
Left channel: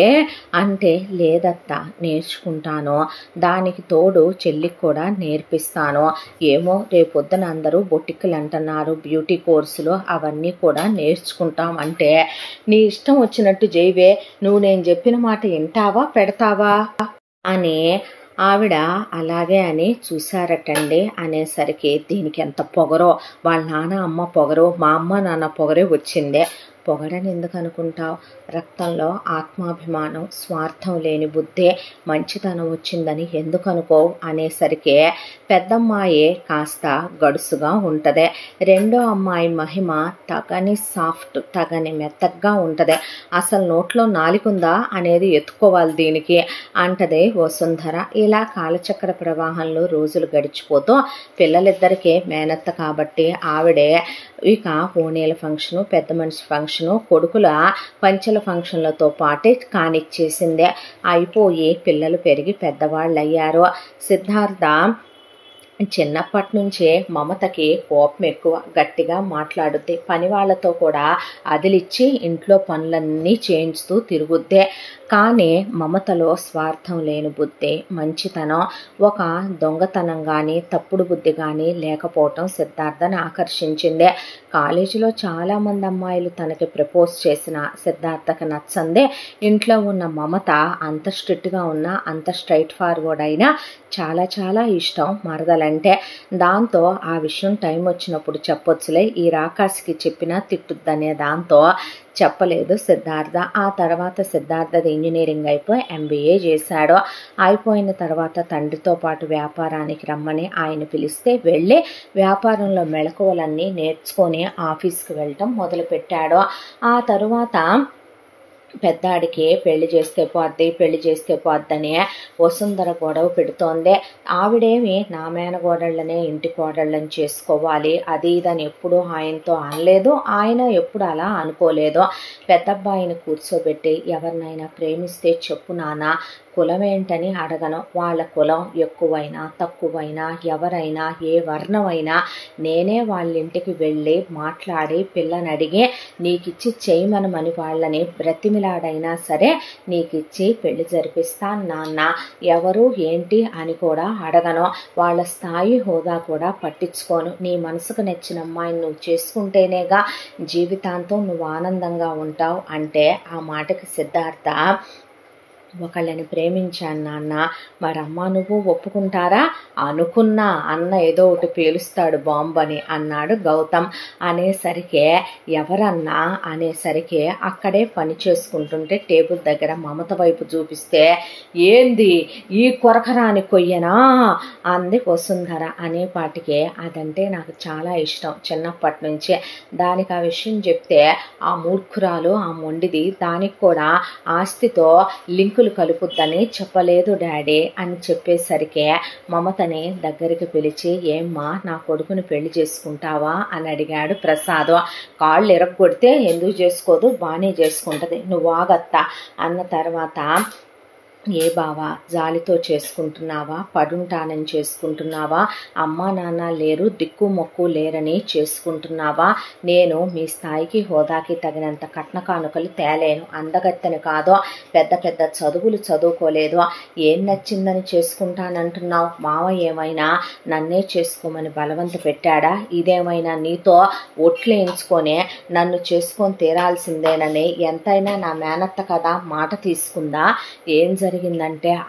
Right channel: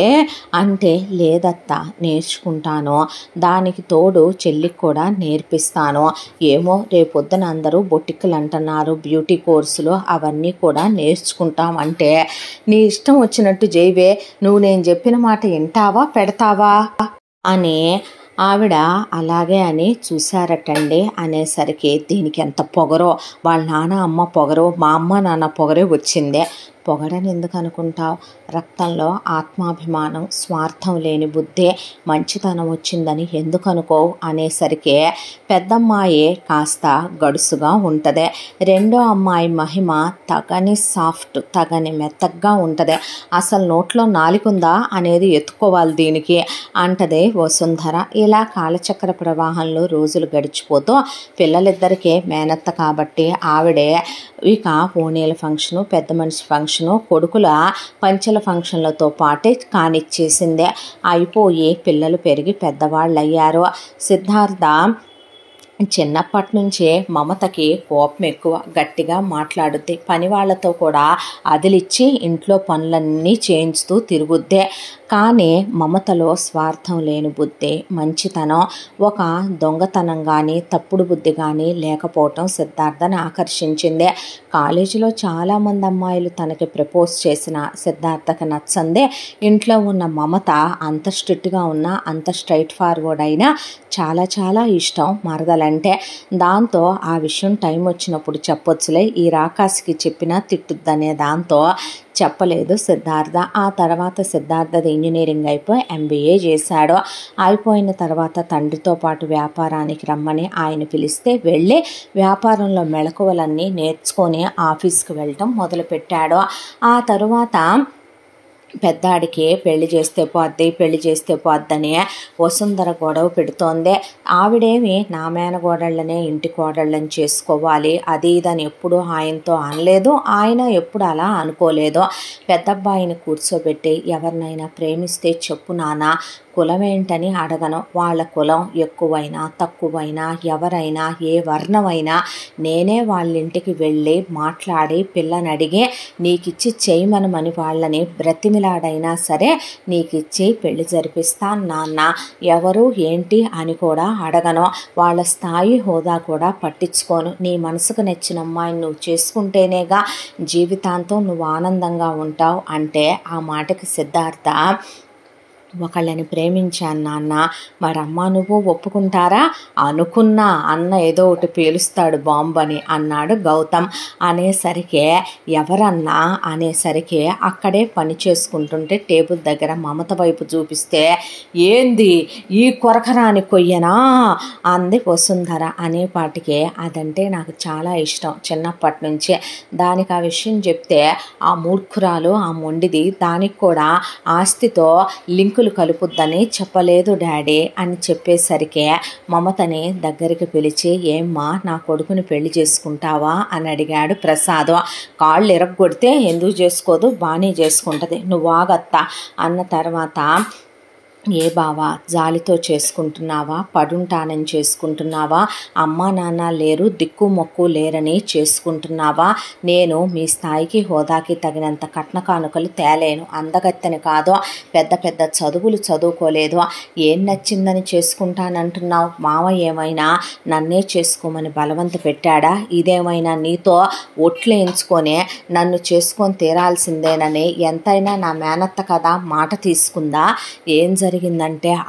అంటే, లేదత్తా నేర్చుకుంటాను, దానికి తోడు చెల్లికి కూడా నేర్పిస్తాను, ఏమో రేపొద్దున అందరూ బొటిక్కులు అంటున్నారు, బ్యూటీ కోర్సులు అవన్నీ కూడా నేర్చుకుంటాం అంటే, నీ ఇష్టం వచ్చినట్టు జైవే, నువ్వు నేను చెప్పిన మాట వింటావా పెడతావా అని ఆవిడ అలాగే అని చూశారటండి. అనేసరికి దీనికి ఎంత పొగరో, వాళ్ళ నాన్న అమ్మ పొగరో, మా అమ్మ నాన్న పొగరే వచ్చిందే. పొగడని ఎందుకు అనుకుంటావు, రక్తంలో ఆత్మాభిమానం, స్వార్థం లేని బుద్ధే, మంచితనం వచ్చిందని ఎందుకు అనుకోవు అనేసరికి పెద్దమ్మాయి కాస్త గడుసుగా ఉంటుంది, రెండో అమ్మాయి మహిమ తగని సాఫ్ట్, తగని మెత్తగా ఉంటుంది, అసలు నోట్లో నాలికుందా అనేది ఎత్తుకోవాలి దీనికి అంటదే వసుంధర. ఇలా కాలచక్ర ప్రవాహంలో రోజులు గడిచిపోతూ పిల్లలిద్దరికీ మేనత్త కాబట్టి ఆవిడే ఇక ఓణీల ఫంక్షను, పెద్ద మనిషి ఫంక్షను, కొడుకుల పంచెల ఫంక్షన్లతో పాటే కానిచ్చేసిందే. అయిపోయి పిల్లలు పెరిగి పెద్దవాళ్ళు అయ్యారు. సిద్ధార్థ చిన్నప్పటి నుంచే మమతకి కోపం ఎక్కువ, గట్టిగా మాట్లాడుద్ది, పని వాళ్ళతో కూడా అదిలిచ్చి ఇంట్లో పనులన్నీ చేయించుతూ తిరుగుద్దే. కానీ మమతలో స్వార్థం లేని బుద్ధి, మంచితనం, ఒక దొంగతనం కానీ తప్పుడు బుద్ధి కానీ లేకపోవటం సిద్ధార్థని ఆకర్షించిందే. కాలేజీలో చాలామంది అమ్మాయిలు తనకి ప్రపోజ్ చేసిన సిద్ధార్థకి నచ్చందే. ఇంట్లో ఉన్న మమత అంత స్ట్రిక్ట్గా ఉన్నా, అంత స్ట్రైట్ ఫార్వర్డ్ అయినా చాలా చాలా ఇష్టం మరదలంటే. దాంతో ఆ విషయం టైం వచ్చినప్పుడు చెప్పొచ్చులే, ఈ రాకాసికి చెప్పినా తిట్టుద్దనే దాంతో చెప్పలేదు సిద్ధార్థ. ఆ తర్వాత సిద్ధార్థది ఇంజనీరింగ్ అయిపోయి MBA చేశాడు. అయిపోయిన తర్వాత తండ్రితో పాటు వ్యాపారానికి రమ్మని ఆయన పిలిస్తే వెళ్ళి వ్యాపారంలో మెళకువలన్నీ నేర్చుకొని ఆఫీస్కి వెళ్ళటం మొదలుపెట్టాడు. ఆ తరువాత పెద్దాడికి పెళ్లి చేస్తే పోద్దని వసుంధర గొడవ పెడుతోంది. ఆవిడేమి నా మేనగోడళ్ళనే ఇంటి కోడళ్ళని చేసుకోవాలి అది ఇదని ఎప్పుడు ఆయనతో అనలేదు, ఆయన ఎప్పుడు అలా అనుకోలేదు. పెద్దబ్బాయిని కూర్చోబెట్టి, ఎవరినైనా ప్రేమిస్తే చెప్పు నాన్న, కులం ఏంటని అడగను, వాళ్ళ కులం ఎక్కువైనా తక్కువైనా ఎవరైనా ఏ వర్ణమైనా నేనే వాళ్ళ ఇంటికి వెళ్ళి మాట్లాడి పిల్లని అడిగి నీకిచ్చి చేయమనమని వాళ్ళని బ్రతిమిలాడైనా సరే నీకిచ్చి పెళ్లి జరిపిస్తాను నాన్న, ఎవరు ఏంటి అని కూడా అడగను, వాళ్ళ స్థాయి హోదా కూడా పట్టించుకోను, నీ మనసుకు నచ్చిన అమ్మాయిని నువ్వు చేసుకుంటేనేగా జీవితాంతం నువ్వు ఆనందంగా ఉంటావు అంటే ఆ మాటకి సిద్ధార్థ ఒకళ్ళని ప్రేమించాను నాన్న, మరమ్మ నువ్వు ఒప్పుకుంటారా? అనుకున్నా అన్న ఏదో ఒకటి పేలుస్తాడు బాంబు అని అన్నాడు గౌతమ్. అనేసరికి ఎవరన్నా అనేసరికి అక్కడే పని చేసుకుంటుంటే టేబుల్ దగ్గర మమత వైపు చూపిస్తే, ఏంది ఈ కొరకరాని కొయ్యనా అంది వసుంధర. అనేపాటికే అదంటే నాకు చాలా ఇష్టం చిన్నప్పటి నుంచే. దానికి ఆ విషయం చెప్తే ఆ మూర్ఖురాలు ఆ మొండిది దానికి కూడా ఆస్తితో లింకులు కలుపుద్దని చెప్పలేదు డాడీ అని చెప్పేసరికి మమతని దగ్గరికి పిలిచి, ఏమ్మా నా కొడుకుని పెళ్లి చేసుకుంటావా అని అడిగాడు ప్రసాద్. కాళ్ళు ఎరగొడితే ఎందుకు చేసుకోదు, బాగానే చేసుకుంటుంది, నువ్వు ఆగత్తా అన్న తర్వాత, ఏ బావా జాలితో చేసుకుంటున్నావా, పడుంటానని చేసుకుంటున్నావా, అమ్మా నాన్న లేరు దిక్కు మొక్కు లేరని చేసుకుంటున్నావా? నేను మీ స్థాయికి హోదాకి తగినంత కట్న కానుకలు తేలేను, అందగత్తెని కాదు, పెద్ద పెద్ద చదువులు చదువుకోలేదు, ఏం నచ్చిందని చేసుకుంటానంటున్నావు? మావ ఏమైనా నన్నే చేసుకోమని బలవంత పెట్టాడా? ఇదేమైనా నీతో ఒట్లేయించుకొని నన్ను చేసుకొని తీరాల్సిందేనని ఎంతైనా నా మేనత్త కదా మాట తీసుకుందా? ఏం జరిగిందంటే,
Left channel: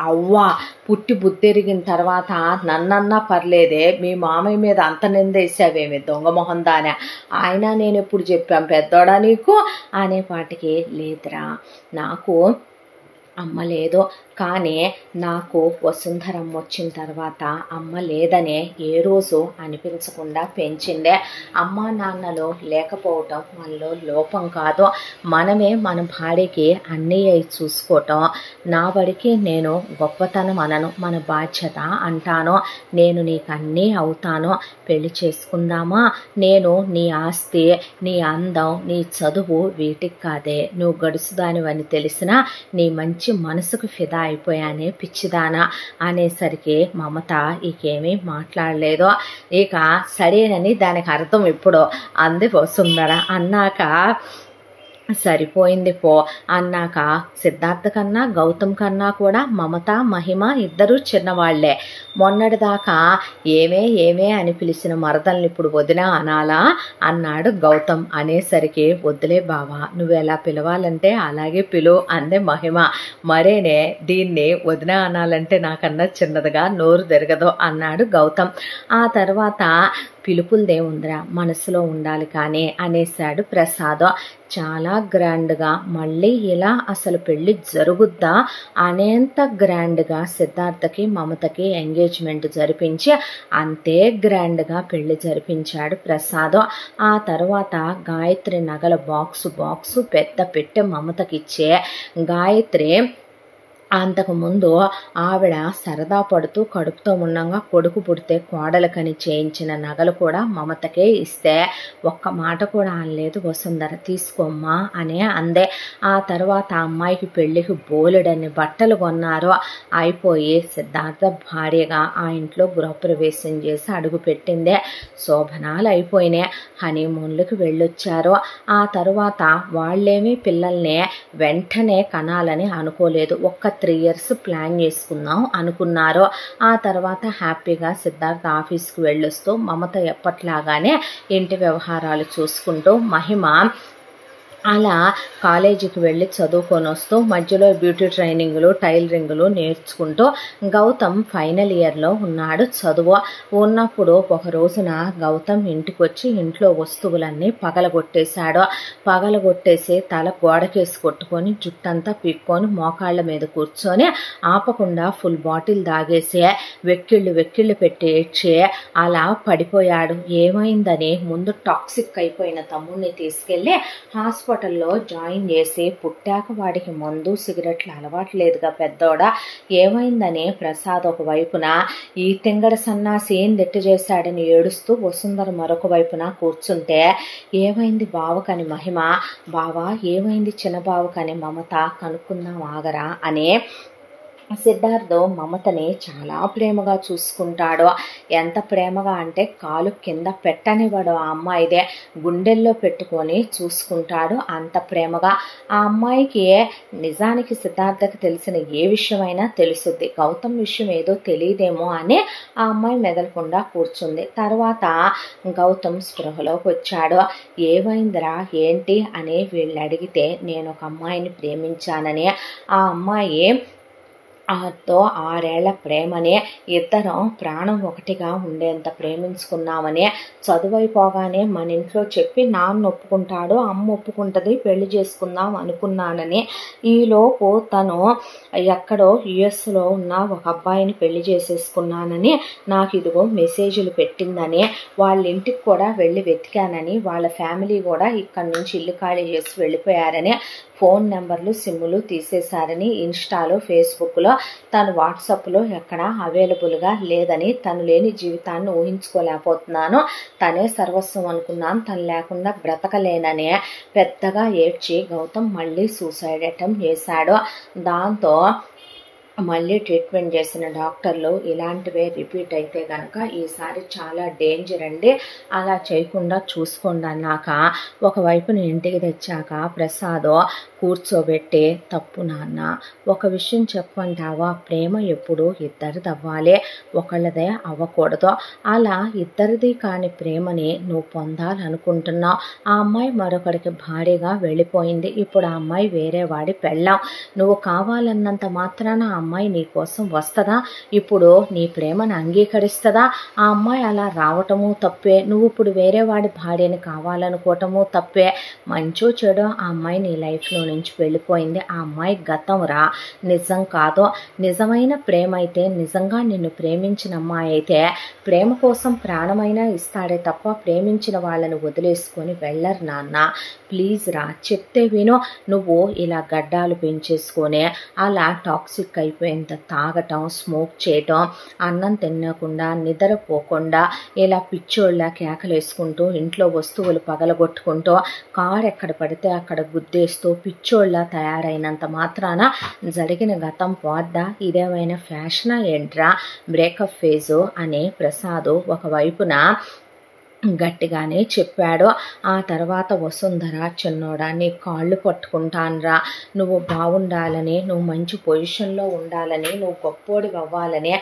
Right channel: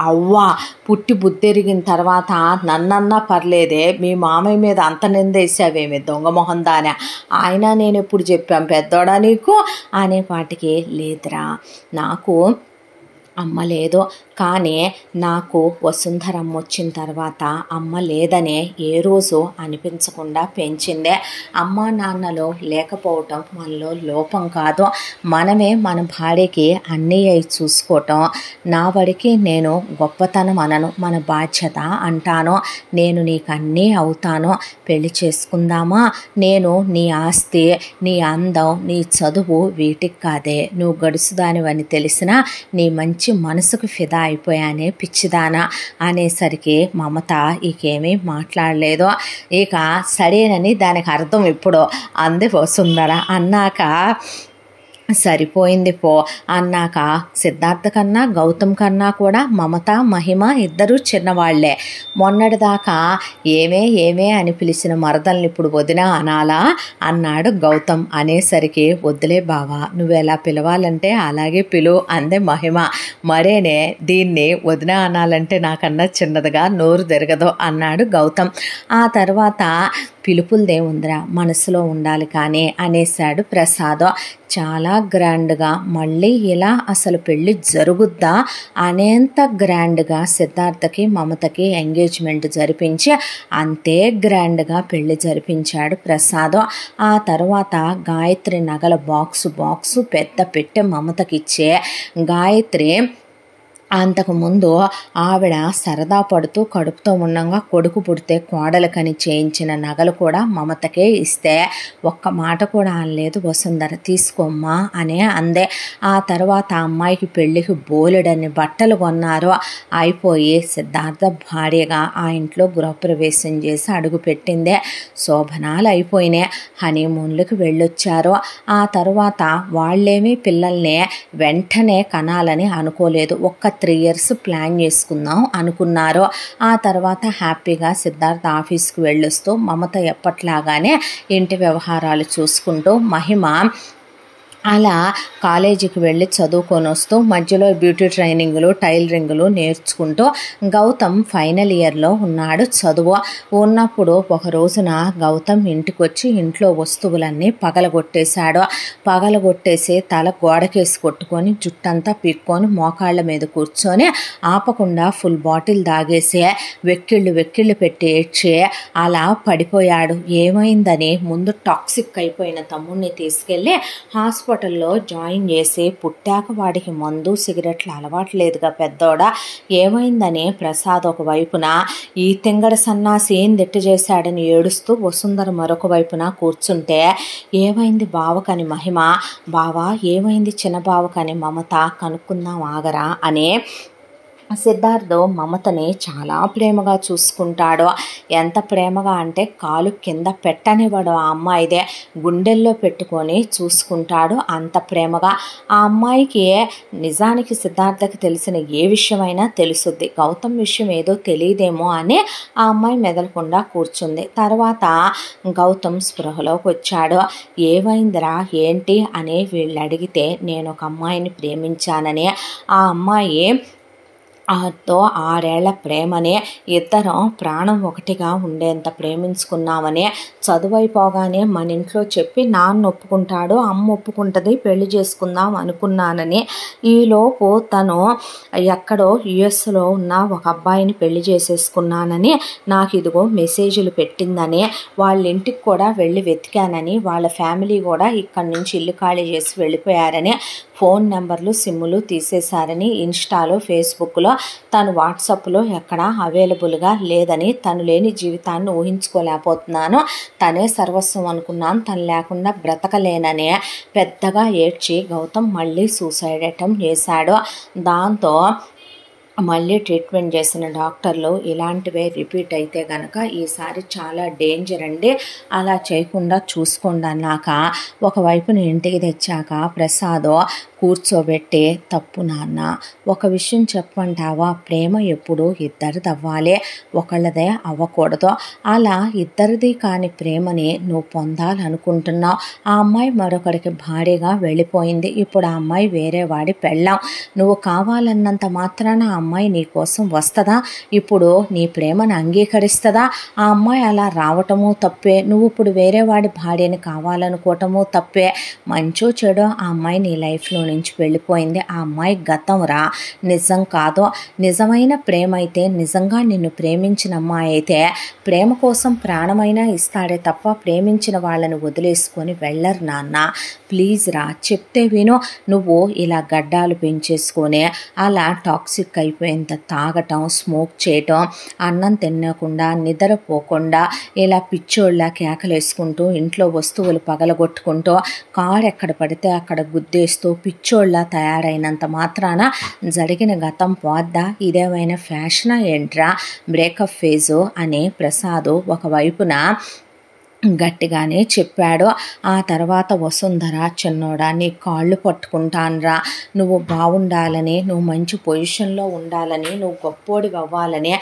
అవ్వా పుట్టి బుద్ధెరిగిన తర్వాత నన్నన్నా పర్లేదే, మీ మామయ్య మీద అంత నిందేసావేమి దొంగ మొహం దానే, ఆయన నేను ఎప్పుడు చెప్పాం పెద్దోడా నీకు అనేపాటికి, లేదురా నాకు అమ్మ లేదు, కానీ నాకు వసుంధరమ్మ వచ్చిన తర్వాత అమ్మ లేదనే ఏ రోజు అనిపించకుండా పెంచిందే. అమ్మా నాన్నలు లేకపోవటం మనలో లోపం కాదు, మనమే మన భార్యకి అన్నీ అయి చూసుకోవటం నా వాడికి నేను గొప్పతనం అనను, మన బాధ్యత అంటాను. నేను నీకు అన్నీ అవుతాను, పెళ్లి చేసుకుందామా? నేను నీ ఆస్తి, నీ అందం, నీ చదువు వీటికి కాదే, నువ్వు గడుసుదానివని తెలిసినా నీ మంచి మనసుకు ఫిదా అయిపోయానే పిచ్చిదానా అనేసరికి మమత ఇకేమీ మాట్లాడలేదు. ఇక సరేనని దానికి అర్థం ఇప్పుడు అంది వసుంధర. అన్నాక సరిపోయింది పో అన్నాక సిద్ధార్థ కన్నా గౌతమ్ కన్నా కూడా మమత మహిమ ఇద్దరూ చిన్నవాళ్లే. మొన్నటిదాకా ఏమే అని పిలిచిన మరదల్ని ఇప్పుడు వదిన అనాలా అన్నాడు గౌతమ్. అనేసరికి వద్దులే బావా, నువ్వెలా పిలవాలంటే అలాగే పిలువు అందే మహిమ. మరేనే దీన్ని వదిన అనాలంటే నాకన్నా చిన్నదిగా నోరు తిరగదు అన్నాడు గౌతమ్. ఆ తర్వాత పిలుపులదేముందిరా మనసులో ఉండాలి కానీ అనేశాడు ప్రసాద్. చాలా గ్రాండ్గా మళ్ళీ ఇలా అసలు పెళ్ళి జరుగుద్దా అనేంత గ్రాండ్గా సిద్ధార్థకి మమతకి ఎంగేజ్మెంట్ జరిపించి అంతే గ్రాండ్గా పెళ్ళి జరిపించాడు ప్రసాద్. ఆ తర్వాత గాయత్రి నగల బాక్సు పెద్ద పెట్టె మమతకిచ్చే గాయత్రి అంతకుముందు ఆవిడ సరదా పడుతూ కడుపుతో ఉండగా కొడుకు పుడితే కోడలకని చేయించిన నగలు కూడా మమతకే ఇస్తే ఒక్క మాట కూడా అనలేదు వసుంధర. తీసుకోమ్మా అనే అందే. ఆ తర్వాత అమ్మాయికి పెళ్ళికి బోలెడన్ని బట్టలు కొన్నారు. అయిపోయి సిద్ధార్థ భార్యగా ఆ ఇంట్లో గృహప్రవేశం చేసి అడుగు పెట్టిందే. శోభనాలు అయిపోయినాయి, హనీమూన్లకు వెళ్ళొచ్చారు. ఆ తర్వాత వాళ్ళేమీ పిల్లల్ని వెంటనే కనాలని అనుకోలేదు, ఒక్క 3 years ప్లాన్ చేసుకుందాం అనుకున్నారు. ఆ తర్వాత హ్యాపీగా సిద్ధార్థ ఆఫీస్కి వెళ్ళొస్తూ మమత ఎప్పట్లాగానే ఇంటి వ్యవహారాలు చూసుకుంటూ మహిమ అలా కాలేజీకి వెళ్ళి చదువుకొని వస్తూ మధ్యలో బ్యూటీ ట్రైనింగ్లు టైలరింగ్లు నేర్చుకుంటూ గౌతమ్ ఫైనల్ ఇయర్లో ఉన్నాడు చదువు. ఉన్నప్పుడు ఒక రోజున గౌతమ్ ఇంటికి వచ్చి ఇంట్లో వస్తువులన్నీ పగలగొట్టేశాడు. పగలగొట్టేసి తల గోడకేసి కొట్టుకొని జుట్టంతా పీక్కొని మోకాళ్ళ మీద కూర్చొని ఆపకుండా ఫుల్ బాటిల్ తాగేసి వెక్కిళ్ళు పెట్టి ఏడ్చి అలా పడిపోయాడు. ఏమైందని ముందు టాక్సిక్ అయిపోయిన తమ్ముడిని తీసుకెళ్ళి హాస్పిటల్లో జాయిన్ చేసి పుట్టాక వాడికి మందు సిగరెట్లు అలవాట్లేదుగా పెద్దోడా, ఏమైందని ప్రసాద్ ఒక వైపున ఈ తింగడ సన్నాసి ఏం దిట్టు చేశాడని ఏడుస్తూ వసుంధర మరొక వైపున కూర్చుంటే, ఏమైంది బావకని మహిమ, బావా ఏమైంది చిన్న బావకని మమత, కనుక్కుందాం ఆగరా అని సిద్ధార్థ్ మమతని చాలా ప్రేమగా చూసుకుంటాడు. ఎంత ప్రేమగా అంటే కాలు కింద పెట్టనివ్వడు. ఆ అమ్మాయిదే గుండెల్లో పెట్టుకొని చూసుకుంటాడు అంత ప్రేమగా. ఆ అమ్మాయికి నిజానికి సిద్ధార్థకి తెలిసిన ఏ విషయమైనా తెలుసుద్ది. గౌతమ్ విషయం ఏదో తెలియదేమో అని ఆ అమ్మాయి మెదలకుండా కూర్చుంది. తర్వాత గౌతమ్ స్పృహలోకి వచ్చాడు. ఏమైందిరా ఏంటి అని వీళ్ళు అడిగితే నేను ఒక అమ్మాయిని ప్రేమించానని, ఆ అమ్మాయి తో 6 ఏళ్ల ప్రేమని, ఇద్దరం ప్రాణం ఒకటిగా ఉండేంత ప్రేమించుకున్నామని, చదువైపోగానే మన ఇంట్లో చెప్పి నాన్న ఒప్పుకుంటాడు, అమ్మ ఒప్పుకుంటుంది, పెళ్లి చేసుకుందాం అనుకున్నానని, ఈలోపు తను ఎక్కడో యుఎస్లో ఉన్న ఒక అబ్బాయిని పెళ్లి చేసేసుకున్నానని నాకు ఇదిగో మెసేజ్లు పెట్టిందని, వాళ్ళ ఇంటికి కూడా వెళ్ళి వెతికానని, వాళ్ళ ఫ్యామిలీ కూడా ఇక్కడి నుంచి ఇల్లు ఖాళీ చేసి వెళ్ళిపోయారని, ఫోన్ నెంబర్లు సిమ్ములు తీసేశారని, ఇన్స్టాలో ఫేస్బుక్లో తను వాట్సాప్లో ఎక్కడా అవైలబుల్గా లేదని, తను లేని జీవితాన్ని ఊహించుకోలేకపోతున్నాను, తనే సర్వస్వం అనుకున్నాను, తను లేకుండా బ్రతకలేననే పెద్దగా ఏడ్చి గౌతమ్ మళ్ళీ సూసైడ్ అటెంప్ట్ చేశాడు. దాంతో మళ్ళీ ట్రీట్మెంట్ చేసిన డాక్టర్లు ఇలాంటివే రిపీట్ అయితే కనుక ఈసారి చాలా డేంజర్ అండి, అలా చేయకుండా చూసుకోండి అన్నాక ఒకవైపున ఇంటికి తెచ్చాక ప్రసాద్ కూర్చోబెట్టి, తప్పు నాన్న, ఒక విషయం చెప్పంటావా, ప్రేమ ఎప్పుడు ఇద్దరిది అవ్వాలి, ఒకళ్ళదే అవ్వకూడదు, అలా ఇద్దరిది కాని ప్రేమని నువ్వు పొందాలనుకుంటున్నావు, ఆ అమ్మాయి మరొకరికి భారీగా వెళ్ళిపోయింది, ఇప్పుడు ఆ అమ్మాయి వేరే వాడి పెళ్ళాం, నువ్వు కావాలన్నంత మాత్రాన ఆ అమ్మాయి నీ కోసం వస్తుందా, ఇప్పుడు నీ ప్రేమను అంగీకరిస్తుందా, ఆ అమ్మాయి అలా రావటము తప్పే, నువ్వు ఇప్పుడు వేరే వాడి భార్యని కావాలనుకోవటము తప్పే, మంచో చెడో ఆ అమ్మాయి నీ లైఫ్లో నుంచి వెళ్ళిపోయింది, ఆ అమ్మాయి గతం రా, నిజం కాదు, నిజమైన ప్రేమ అయితే, నిజంగా నిన్ను ప్రేమించిన అమ్మాయి అయితే ప్రేమ కోసం ప్రాణమైనా ఇస్తాడే తప్ప ప్రేమించిన వాళ్ళని వదిలేసుకొని వెళ్ళరు నాన్న, ప్లీజ్ రా, చెప్తే విను, నువ్వు ఇలా గడ్డాలు పెంచేసుకొని అలా టాక్సిక్ అయిపోయేంత తాగటం, స్మోక్ చేయటం, అన్నం తినకుండా నిద్రపోకుండా ఇలా పిచ్చోళ్ళ కేకలేసుకుంటూ ఇంట్లో వస్తువులు పగలగొట్టుకుంటూ కారు ఎక్కడ పడితే అక్కడ గుద్దేస్తూ పిచ్చోళ్ళ తయారైనంత మాత్రాన జరిగిన గతం పోద్దా, ఇదేమైనా ఫ్యాషనా ఏంట్రా, బ్రేకప్ ఫేజు అని ప్రసాద్ ఒకవైపున గట్టిగానే చెప్పాడు. ఆ తర్వాత వసుంధర, చిన్నోడా నీ కాళ్ళు పట్టుకుంటాన్రా, నువ్వు బాగుండాలని, నువ్వు మంచి పొజిషన్లో ఉండాలని, నువ్వు గొప్పోడి అవ్వాలని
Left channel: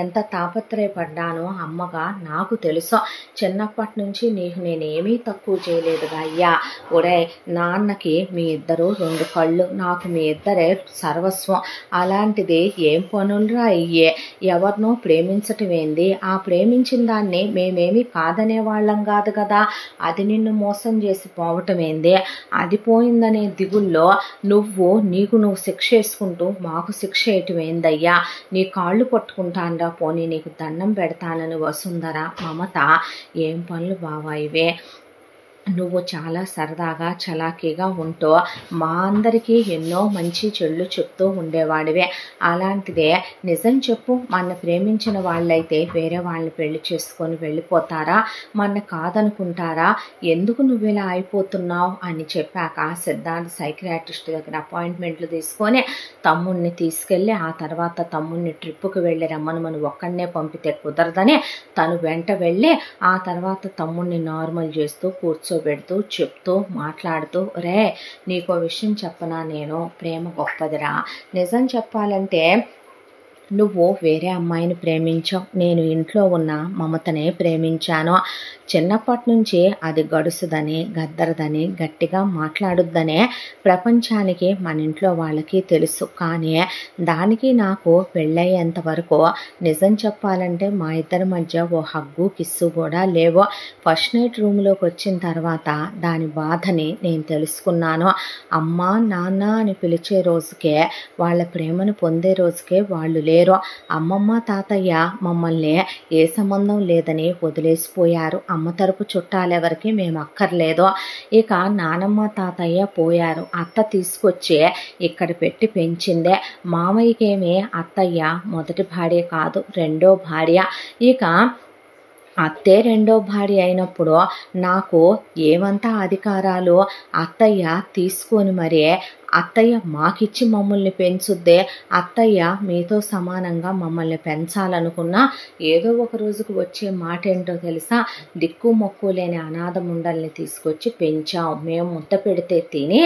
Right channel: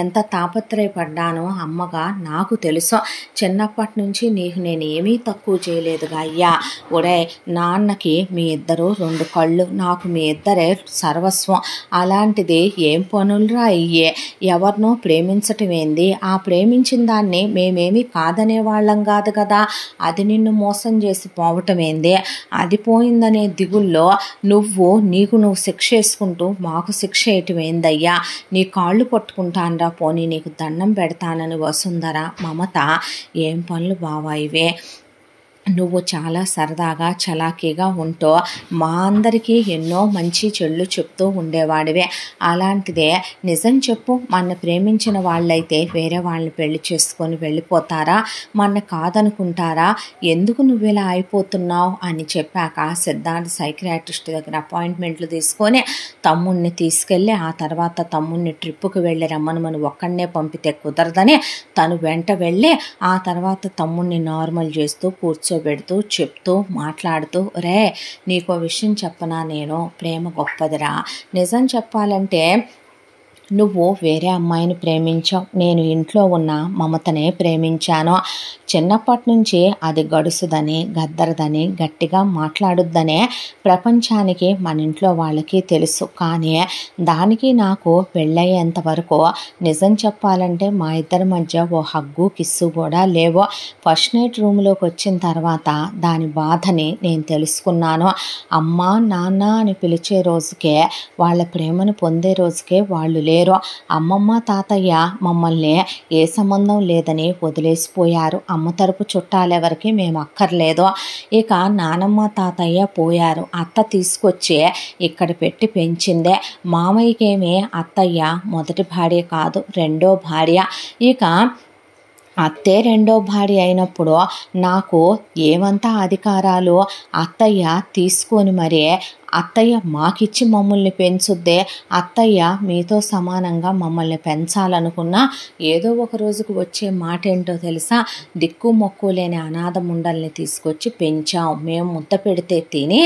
ఎంత తాపత్రయపడ్డానో అమ్మగా నాకు తెలుసు, చిన్నప్పటి నుంచి నీకు నేనేమీ తక్కువ చేయలేదుగా అయ్యా, ఒరే నాన్నకి మీ ఇద్దరు 2 కళ్ళు, నాకు మీ ఇద్దరే సర్వస్వం, అలాంటిది ఏం పనులురా అయ్యే, ఎవరినో ప్రేమించటం ఏంది, ఆ ప్రేమించిన దాన్ని మేమేమీ కాదనేవాళ్ళం కాదు కదా, అది నిన్ను మోసం చేసి పోవటం ఏంది, అది పోయిందనే దిగుల్లో నీకు నువ్వు శిక్ష వేసుకుంటూ మాకు శిక్ష వేయటం ఏందయ్యా, నీ కాళ్ళు పట్టుకుంటానరా, పోనీ నీకు దండం పెడతానని వసుంధర, మమత, ఏం పనులు బావా ఇవే, నువ్వు చాలా సరదాగా చలాకీగా ఉంటూ మా అందరికీ ఎన్నో మంచి చెళ్ళు చెప్తూ ఉండేవాడివే, అలాంటిదే నిజం చెప్పు, మన ప్రేమించిన వాళ్ళైతే వేరే వాళ్ళని పెళ్లి చేసుకొని వెళ్ళిపోతారా, మన కాదనుకుంటారా, ఎందుకు నువ్వు ఇలా అయిపోతున్నావు అని చెప్పాక సిద్ధార్థ్ సైకియాట్రిస్ట్ దగ్గర అపాయింట్మెంట్లు తీసుకొని తమ్ముడిని తీసుకెళ్ళి, ఆ తర్వాత తమ్ముడిని ట్రిప్పుకి వెళ్ళి రమ్మని మనం ఒక్కడనే పంపితే కుదరదని తను వెంట వెళ్ళి ఆ తర్వాత తమ్ముడిని నార్మల్ చేస్తూ కూర్చోబెడుతూ చెప్తూ మాట్లాడుతూ, రే నీకో విషయం చెప్పనా, నేను ప్రేమ గొప్పదిరా, నిజం చెప్పాలంటే నువ్వు వేరే అమ్మాయిని ప్రేమించావు, నేను ఇంట్లో ఉన్న మమతనే ప్రేమించాను, చిన్నప్పటి నుంచి అది గడుసుదని గద్దరదని గట్టిగా మాట్లాడుద్దనే ప్రపంచానికి మన ఇంట్లో వాళ్ళకి తెలుసు, కానీ దానికి నాకు పెళ్ళయ్యేంత వరకు నిజం చెప్పాలంటే మా ఇద్దరి మధ్య ఓ హగ్గు కిస్సు కూడా లేవు, ఫస్ట్ నైట్ రూమ్లోకి వచ్చిన తర్వాత దాని బాధని నేను తెలుసుకున్నాను, అమ్మ నాన్న అని పిలిచే రోజుకే, వాళ్ళ ప్రేమను పొందే రోజుకే వాళ్ళు లేరు, అమ్మమ్మ తాతయ్య మమ్మల్ని ఏ సంబంధం లేదని వదిలేసిపోయారు, అమ్మ తరపు చుట్టాలెవరికి మేము అక్కర్లేదు, ఇక నానమ్మ తాతయ్య పోయారు, అత్త తీసుకొచ్చి ఇక్కడ పెట్టి పెంచిందే, మామయ్యకేమీ అత్తయ్య మొదటి భార్య కాదు 2వ భార్య, ఇక అత్తే 2వ భార్య అయినప్పుడు నాకు ఏమంతా అధికారాలు అత్తయ్య తీసుకొని మరీ అత్తయ్య మాకిచ్చి మమ్మల్ని పెంచుద్దే, అత్తయ్య మీతో సమానంగా మమ్మల్ని పెంచాలనుకున్నా ఏదో ఒక రోజుకు వచ్చే మాట ఏంటో తెలుసా, దిక్కు మొక్కు లేని అనాథ ముండల్ని తీసుకొచ్చి పెంచాం. మేము ముద్ద పెడితే తిని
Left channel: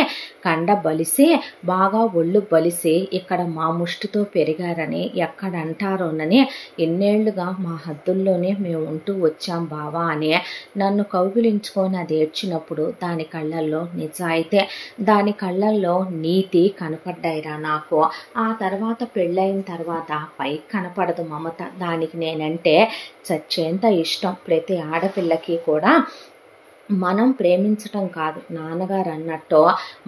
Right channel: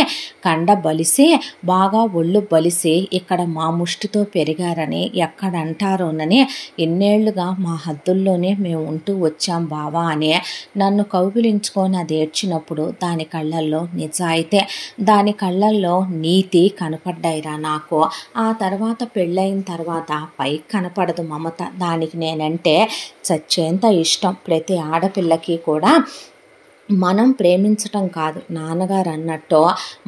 కండ బలిసి బాగా ఒళ్ళు బలిసి ఇక్కడ మా ముష్టితో పెరిగారని ఎక్కడంటారోనని ఎన్నేళ్లుగా మా హద్దుల్లోనే మేము ఉంటూ వచ్చాం బావా అని నన్ను కౌగిలించుకొని అది ఏడ్చినప్పుడు దాని కళ్ళల్లో నిజాయితే, దాని కళ్ళల్లో నీతి కనపడ్డాయిరా నాకు. ఆ తర్వాత పెళ్ళైన తర్వాత పైకి కనపడదు మమత. దానికి నేనంటే చచ్చేంత ఇష్టం. ప్రతి ఆడపిల్లకి కూడా మనం ప్రేమించటం కాదు, నాన్నగారు అన్నట్టు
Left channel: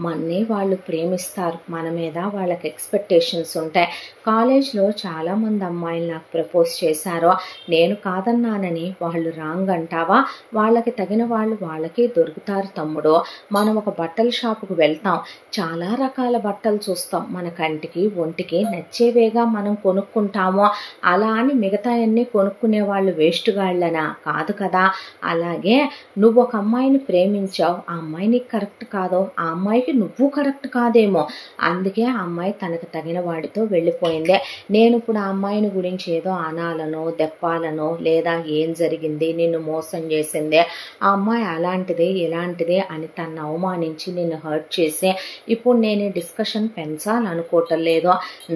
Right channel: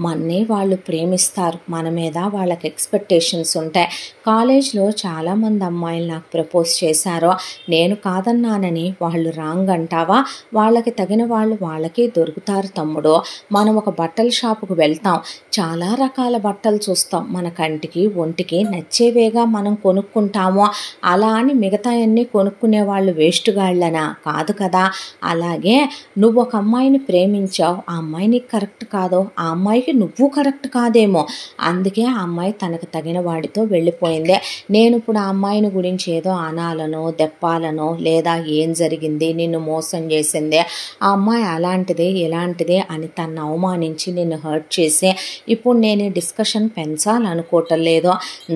మన్ని వాళ్ళు ప్రేమిస్తారు, మన మీద వాళ్ళకి ఎక్స్పెక్టేషన్స్ ఉంటాయి. కాలేజ్లో చాలామంది అమ్మాయిలు నాకు ప్రపోజ్ చేశారు, నేను కాదన్నానని వాళ్ళు రాంగ్ అంటావా? వాళ్ళకి తగిన వాళ్ళు వాళ్ళకి దొరుకుతారు తమ్ముడు. మనం ఒక బట్టల షాపుకు వెళ్తాం, చాలా రకాల బట్టలు చూస్తాం, మన కంటికి ఒంటికి నచ్చేవేగా మనం కొనుక్కుంటాము. అలా అని మిగతా అన్నీ కొనుక్కునే వాళ్ళు వేస్ట్గాళ్ళనా? కాదు కదా. అలాగే నువ్వు ఒక అమ్మాయిని ప్రేమించావు, ఆ అమ్మాయి నీకు కరెక్ట్ కాదో, ఆ అమ్మాయికి నువ్వు కరెక్ట్ కాదేమో, అందుకే ఆ అమ్మాయి తనకు తగిన వాడితో వెళ్ళిపోయిందే. నేను ఇప్పుడు ఆ అమ్మాయిని గురించి ఏదో అనాలనో దెప్పాలనో లేదా ఏం జరిగింది నిన్ను మోసం చేసిందే, ఆ అమ్మాయి అలాంటిదే ఇలాంటిదే అని తను అవమానించి నిన్ను హర్ట్ చేసి ఇప్పుడు నేను ఈ డిస్కషన్ పెంచాలనుకోవటం లేదో.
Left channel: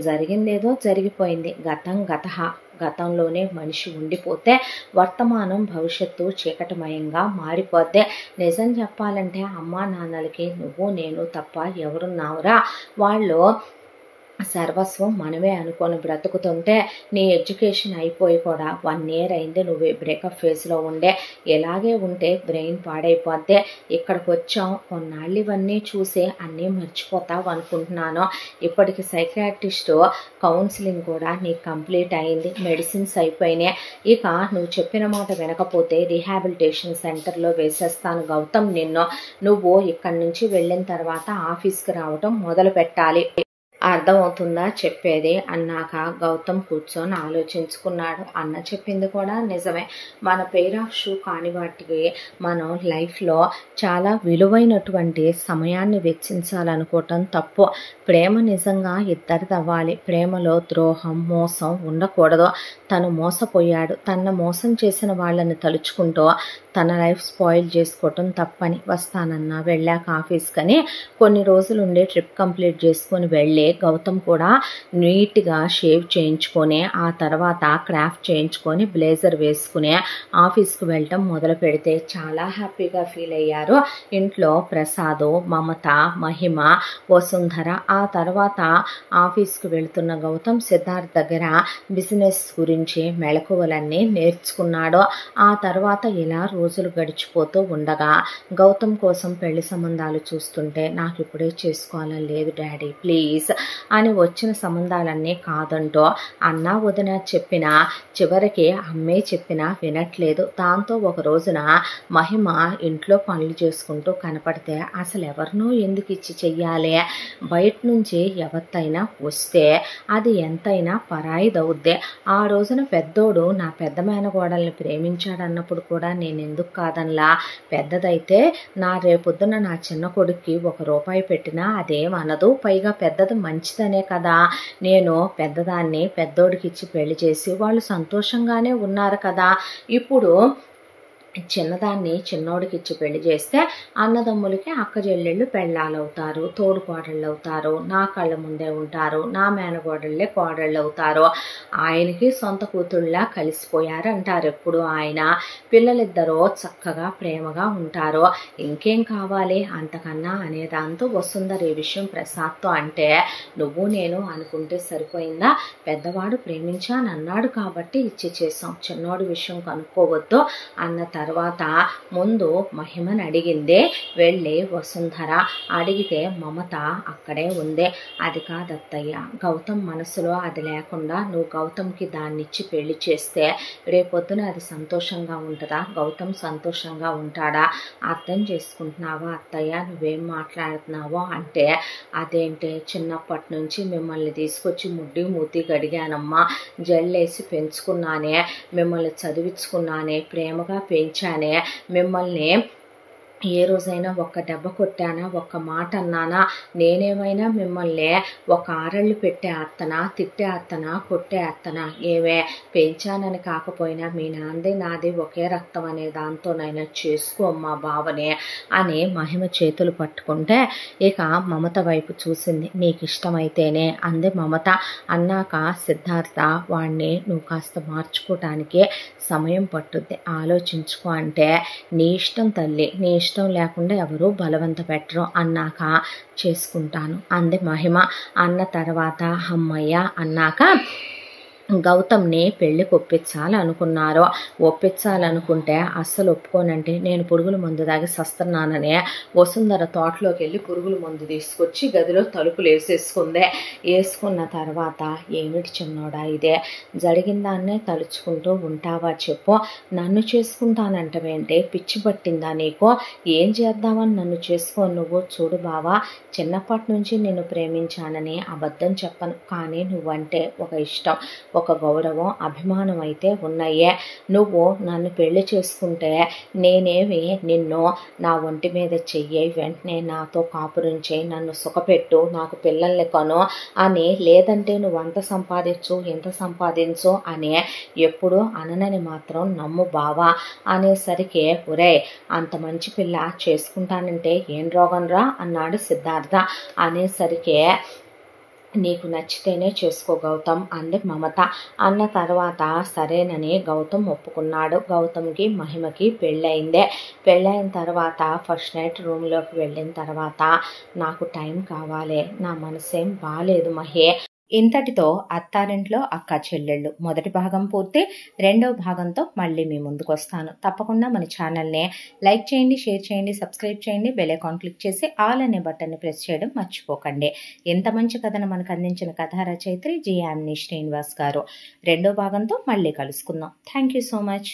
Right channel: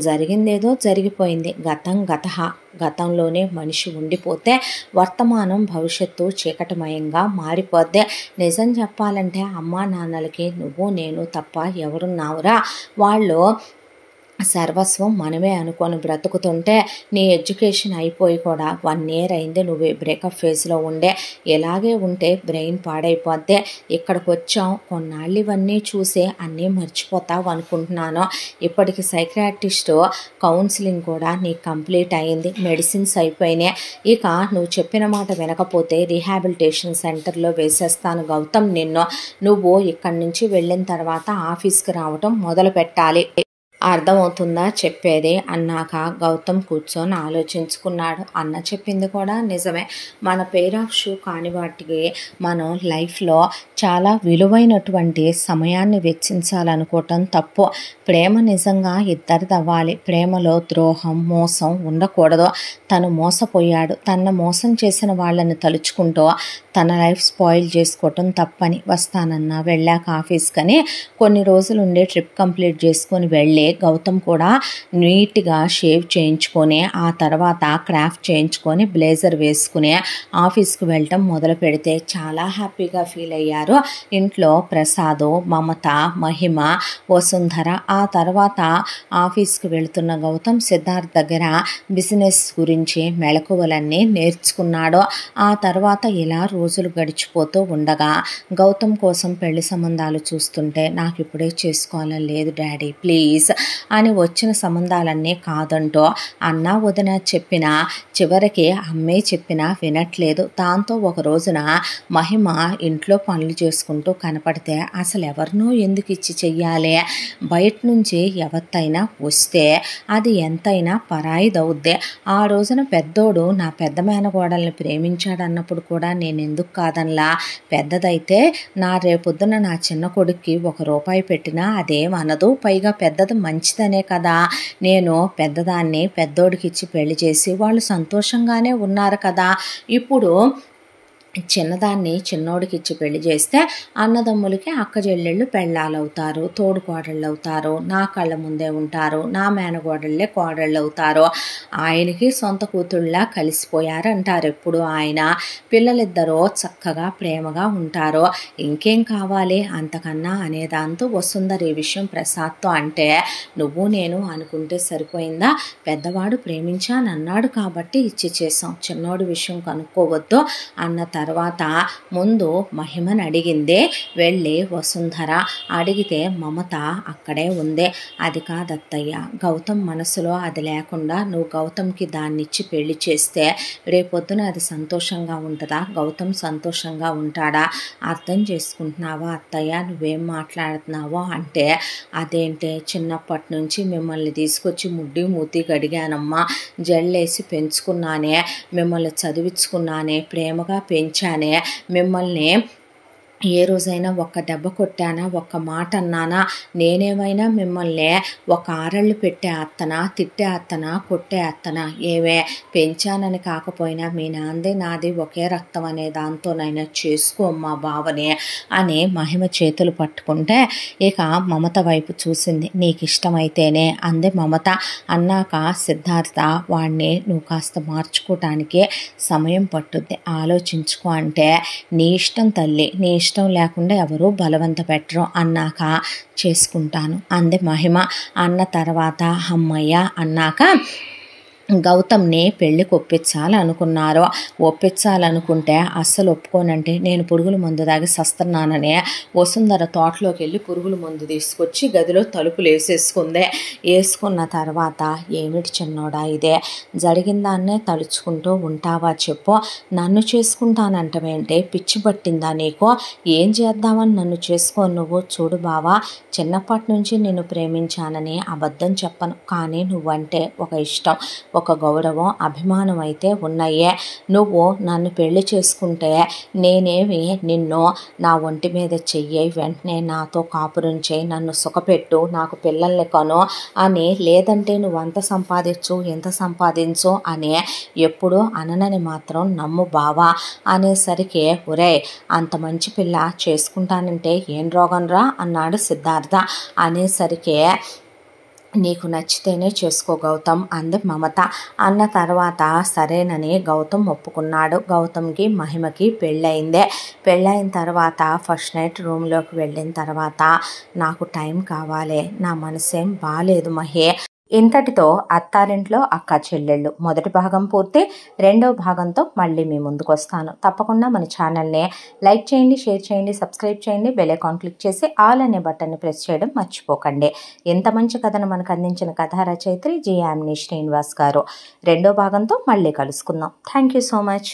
జరిగిందేదో జరిగిపోయింది, గతం గతః. గతంలోనే మనిషి ఉండిపోతే వర్తమానం భవిష్యత్తు చీకటిమయంగా మారిపోద్ది. నిజం చెప్పాలంటే అమ్మా నాన్నలకి నువ్వు నేను తప్ప ఎవరున్నావురా? వాళ్ళు సర్వస్వం మనమే అనుకొని బ్రతుకుతుంటే నీ ఎడ్యుకేషన్ అయిపోయి కూడా 1 year అయింది, నువ్వు బ్రేకప్ ఫేజ్లో ఉండే. ఎలాగే ఉంటే బ్రెయిన్ పాడైపోద్ది. ఇక్కడికి వచ్చాం, కొన్నాళ్ళు ఇవన్నీ చూసి అన్నీ మర్చిపోతావు అనుకుంటున్నాను. ఇప్పటికి సైకియాట్రిస్టు కౌన్సిలింగ్ కూడా నీకు కంప్లీట్ అయింది, మెడిసిన్స్ అయిపోయినాయి. ఇక నువ్వు చెప్పిన మాట వినకపోతే రీహాబిలిటేషన్ సెంటర్లో వేసేస్తాను గౌతమ్ నిన్ను. నువ్వు ఇక్కడి నుంచి వెళ్ళిన తర్వాత ఆఫీస్కి రావటం మొదలు పెట్టాలి. అర్థమవుతుందా చెప్పేది అన్నాక గౌతమ్ కూర్చొని ఆలోచించుకున్నాడు. అన్న చెప్పింది కూడా నిజమే. మన పెయిర్ ఆఫ్ షూ కాని వాటికి మనం లైఫ్లో చాలా విలువైనటువంటి సమయాన్ని వెచ్చించాలనుకోవటం తప్పు. ప్రేమ నిజంగా ఇద్దరిది అవ్వాలి. ప్రేమలో ద్రోహం మోసం ఉండకూడదు. తను మోసపోయాడు, తనను మోసం చేసిన వాళ్ళని తలుచుకుంటూ తన లైఫ్ స్పాయిల్ చేసుకోవటం తప్పని. వస్తానన్నా వెళ్ళాక ఆఫీస్కని కొన్ని రోజులు ఉండే ట్రిప్ కంప్లీట్ చేసుకొని వెళ్ళి గౌతమ్ కూడా నీట్గా షేవ్ చేయించుకొని ఆ తర్వాత క్రాఫ్ట్ చేయించుకొని బ్లేజర్ వేసుకుని ఆఫీస్కి వెళ్ళటం మొదలు పెడితే చాలా హ్యాపీగా ఫీల్ అయ్యారు ఇంట్లో ప్రసాదు, మమత, మహిమ, వసుంధర. ఆ తర్వాత ఆఫీస్కి వెళుతున్న గౌతమ్ సిద్ధార్థ్ దగ్గర బిజినెస్ గురించి మెళకువలన్నీ నేర్చుకున్నాడు. ఆ తర్వాత ఇలా రోజులు గడిచిపోతూ ఉండగా గౌతమ్ కోసం పెళ్లి సంబంధాలు చూస్తుంటే నాకు ఇప్పుడే చేసుకోవాలని లేదు డాడీ ప్లీజ్ అని వచ్చిన సంబంధాలన్నీ కాదంటూ అన్న వదిన చెప్పిన చివరికి అమ్మే చెప్పినా వినట్లేదు. దాంతో ఒక రోజున మహిమ ఇంట్లో పనులు చేసుకుంటూ కనపడితే అసలు ఎవరినో ఎందుకు ఇచ్చి చెయ్యాలి, బయట నుంచి ఎవరితైనా వస్తే అది ఎంతైనా పరాయిదవుద్ది. ఆ రోజున పెద్దోడు నా పెద్ద మేనగోడల్ని ప్రేమించాడన్నప్పుడు కూడా నేను ఎందుకు కాదనలా. పెద్దదైతే నా రేపొద్దున నా చిన్న కొడుక్కి ₹1 పెట్టినా అదేమనదు, పైగా పెద్దది మంచిదనే కదా. నేను పెద్దదాన్ని పెద్దోడికి ఇచ్చి పెళ్లి చేసి వాళ్ళు సంతోషంగానే ఉన్నారు కదా. ఇప్పుడు చిన్నదాన్ని చిన్నోడికి ఇచ్చి పెళ్లి చేస్తే అన్నదమ్ములకి అక్క చెల్లెళ్ళు పెళ్ళాలు అవుతారు, తోడుకోడళ్ళు అవుతారు, నా కళ్ళ ముందే ఉంటారు, నా మేనగోడళ్ళే కోడళ్ళు అవుతారు. ఆయనకి సొంత కూతుళ్ళ కలిసిపోయారు అంటారు ఎప్పుడు ఆయన. పిల్లలిద్దరూ చక్కగా ప్రేమగా ఉంటారు, ఇంకేం కావాలి అంతకన్నా అనేదాంతో వసుంధర ఈ విషయం ప్రసాద్తో అంటే నువ్వు నేను అనుకుంటే సరిపోయిందా, పెద్దవాడు ప్రేమించానన్నాడు కాబట్టి ఇచ్చి చేసాం, చిన్నోడి విషయం కనుక్కోవద్దు అన్న తర్వాత ముందు మహిమని అడిగిందే వెళ్ళి వసుంధర. అడిగితే మమత అక్కడే ఉందే. అది కాదత్తయ్య, గౌతమ్ మనసులో అది లేకుండా నువ్వు గౌతమ్కి దాన్నిచ్చి పెళ్లి చేస్తే రేపొద్దున అది సంతోషంగా ఉంటుందా, గౌతమ్ సంతోషంగా ఉంటాడా, అర్థం చేసుకుంటున్నావా అత్తయ్య, నువ్వేం మాట్లాడుతున్నావో అంటే అదేంటే చిన్నప్పటి నుంచి మిమ్మల్ని తీసుకొచ్చి ముడ్డి మూతి గడిగానమ్మా, జల్లేసి పెంచుకున్నానే, మిమ్మల్ని చదివించుకున్నానే, ప్రేమగా పెంచానే, మిమ్మల్ని ఏ రోజైనా ఒక్క దెబ్బ కొట్టానా, ఒక్క మాట అన్నానా, నేనేమైనా మిమ్మల్ని ఒక ఆరళ్ళు పెట్టే అత్తనా, తిట్టే అత్తనా, కొట్టే అత్తనా? ఏవే పెంచానని కాకపోయినా మీ నాంది నాది ఒకే రక్తం అనే దాంతోనైనా చేసుకో మా బావని అని మహిమ చేతులు పట్టుకుంటే ఇక మమత వైపు చూసింది. నీకు ఇష్టమైతేనే అంది మమత. అన్నాక సిద్ధార్థ, వాడిని నువ్వు కాస్త మార్చుకోవటానికి సమయం పట్టుద్ది, ఆలోచించుకో అంటే, నీ ఇష్టం తల్లి, నీ ఇష్టం లేకుండా ఎవరు బలవంత పెట్టరు, అన్నాక చేసుకుంటాను అంది మహిమ. అన్న తర్వాత అమ్మయ్య అన్నాక గౌతమ్ని పెళ్ళికి ఒప్పించాలనుకున్నారు. ఒప్పించాలనుకుంటే అస్సలు ఒప్పుకోనంటే నేను పురుగుల మందు దాగి సస్తున్నానని వసుంధర తోటలోకి వెళ్ళి పురుగుల మందు తీసుకొచ్చి గదిలో తలుపులు వేసుకున్న తర్వాత, ఏమిటి చిన్నోడా ఇదే, జరిగిన దాన్నే తలుచుకుంటూ ఉంటావా చెప్పు, నన్ను చేసుకుంటానంటవేంటే, పిచ్చి పట్టిందా నీకు, ఏం చేద్దామని నన్ను చేసుకో నువ్వు? చూడు బావా, చిన్నప్పటి నుంచి నిన్ను ప్రేమించానని అబద్ధం చెప్పను, కానీ నువ్వంటే ఒక ఇష్టం, ఒక గౌరవం, అభిమానం అయితే ఉన్నాయే. నువ్వు నన్ను పెళ్లి చేసుకుంటే నేనేమి నిన్ను నా ఒంటి మీద చెయ్యి, వెంటనే నాతో కాపురం చేయి, నన్ను సుఖపెట్టు, నాకు పిల్లల్ని కను అని, లేదంటే నువ్వు అంత సంపాదించు ఇంత సంపాదించు అని ఎప్పుడు అననని మాత్రం నమ్ము బావా అనేసరికి, ఒరే అంత మంచి పిల్ల చేసుకుంటానంటే ఏం రోగం రా అన్నాడు సిద్ధార్థ. అనేసరికి, నీకు నచ్చితేనే చేసుకో గౌతమ్ అంది మమత. అన్న తర్వాత సరేనని గౌతమ్ ఒప్పుకున్నాడు. గౌతమ్కి మహిమకి పెళ్ళయిందే. పెళ్ళయిన తర్వాత ఫస్ట్ నైట్ రూమ్లోకి వెళ్ళిన తర్వాత, నాకు టైం కావాలి, నా మనసేం బాలేదు మహి. ఇంతటితో అత్తారింట్లో అక్క చెల్లెళ్ళు మొదటి భాగం పూర్తి. రెండో భాగంతో మళ్ళీ మీ ముందుకు వస్తాను. తప్పకుండా మన ఛానల్ని లైక్ చేయండి, షేర్ చేయండి, సబ్స్క్రైబ్ చేయండి, బెల్ ఐకాన్ క్లిక్ చేసి ఆల్ అనే బటన్ని ప్రెస్ చేయడం మర్చిపోకండి. ఎంత మంచి కథను మనకు అందించిన కథా రచయిత్రి జి. యామిని శ్రీనివాస్ గారు. రెండో భాగంతో మళ్ళీ కలుసుకుందాం. Thank you so much.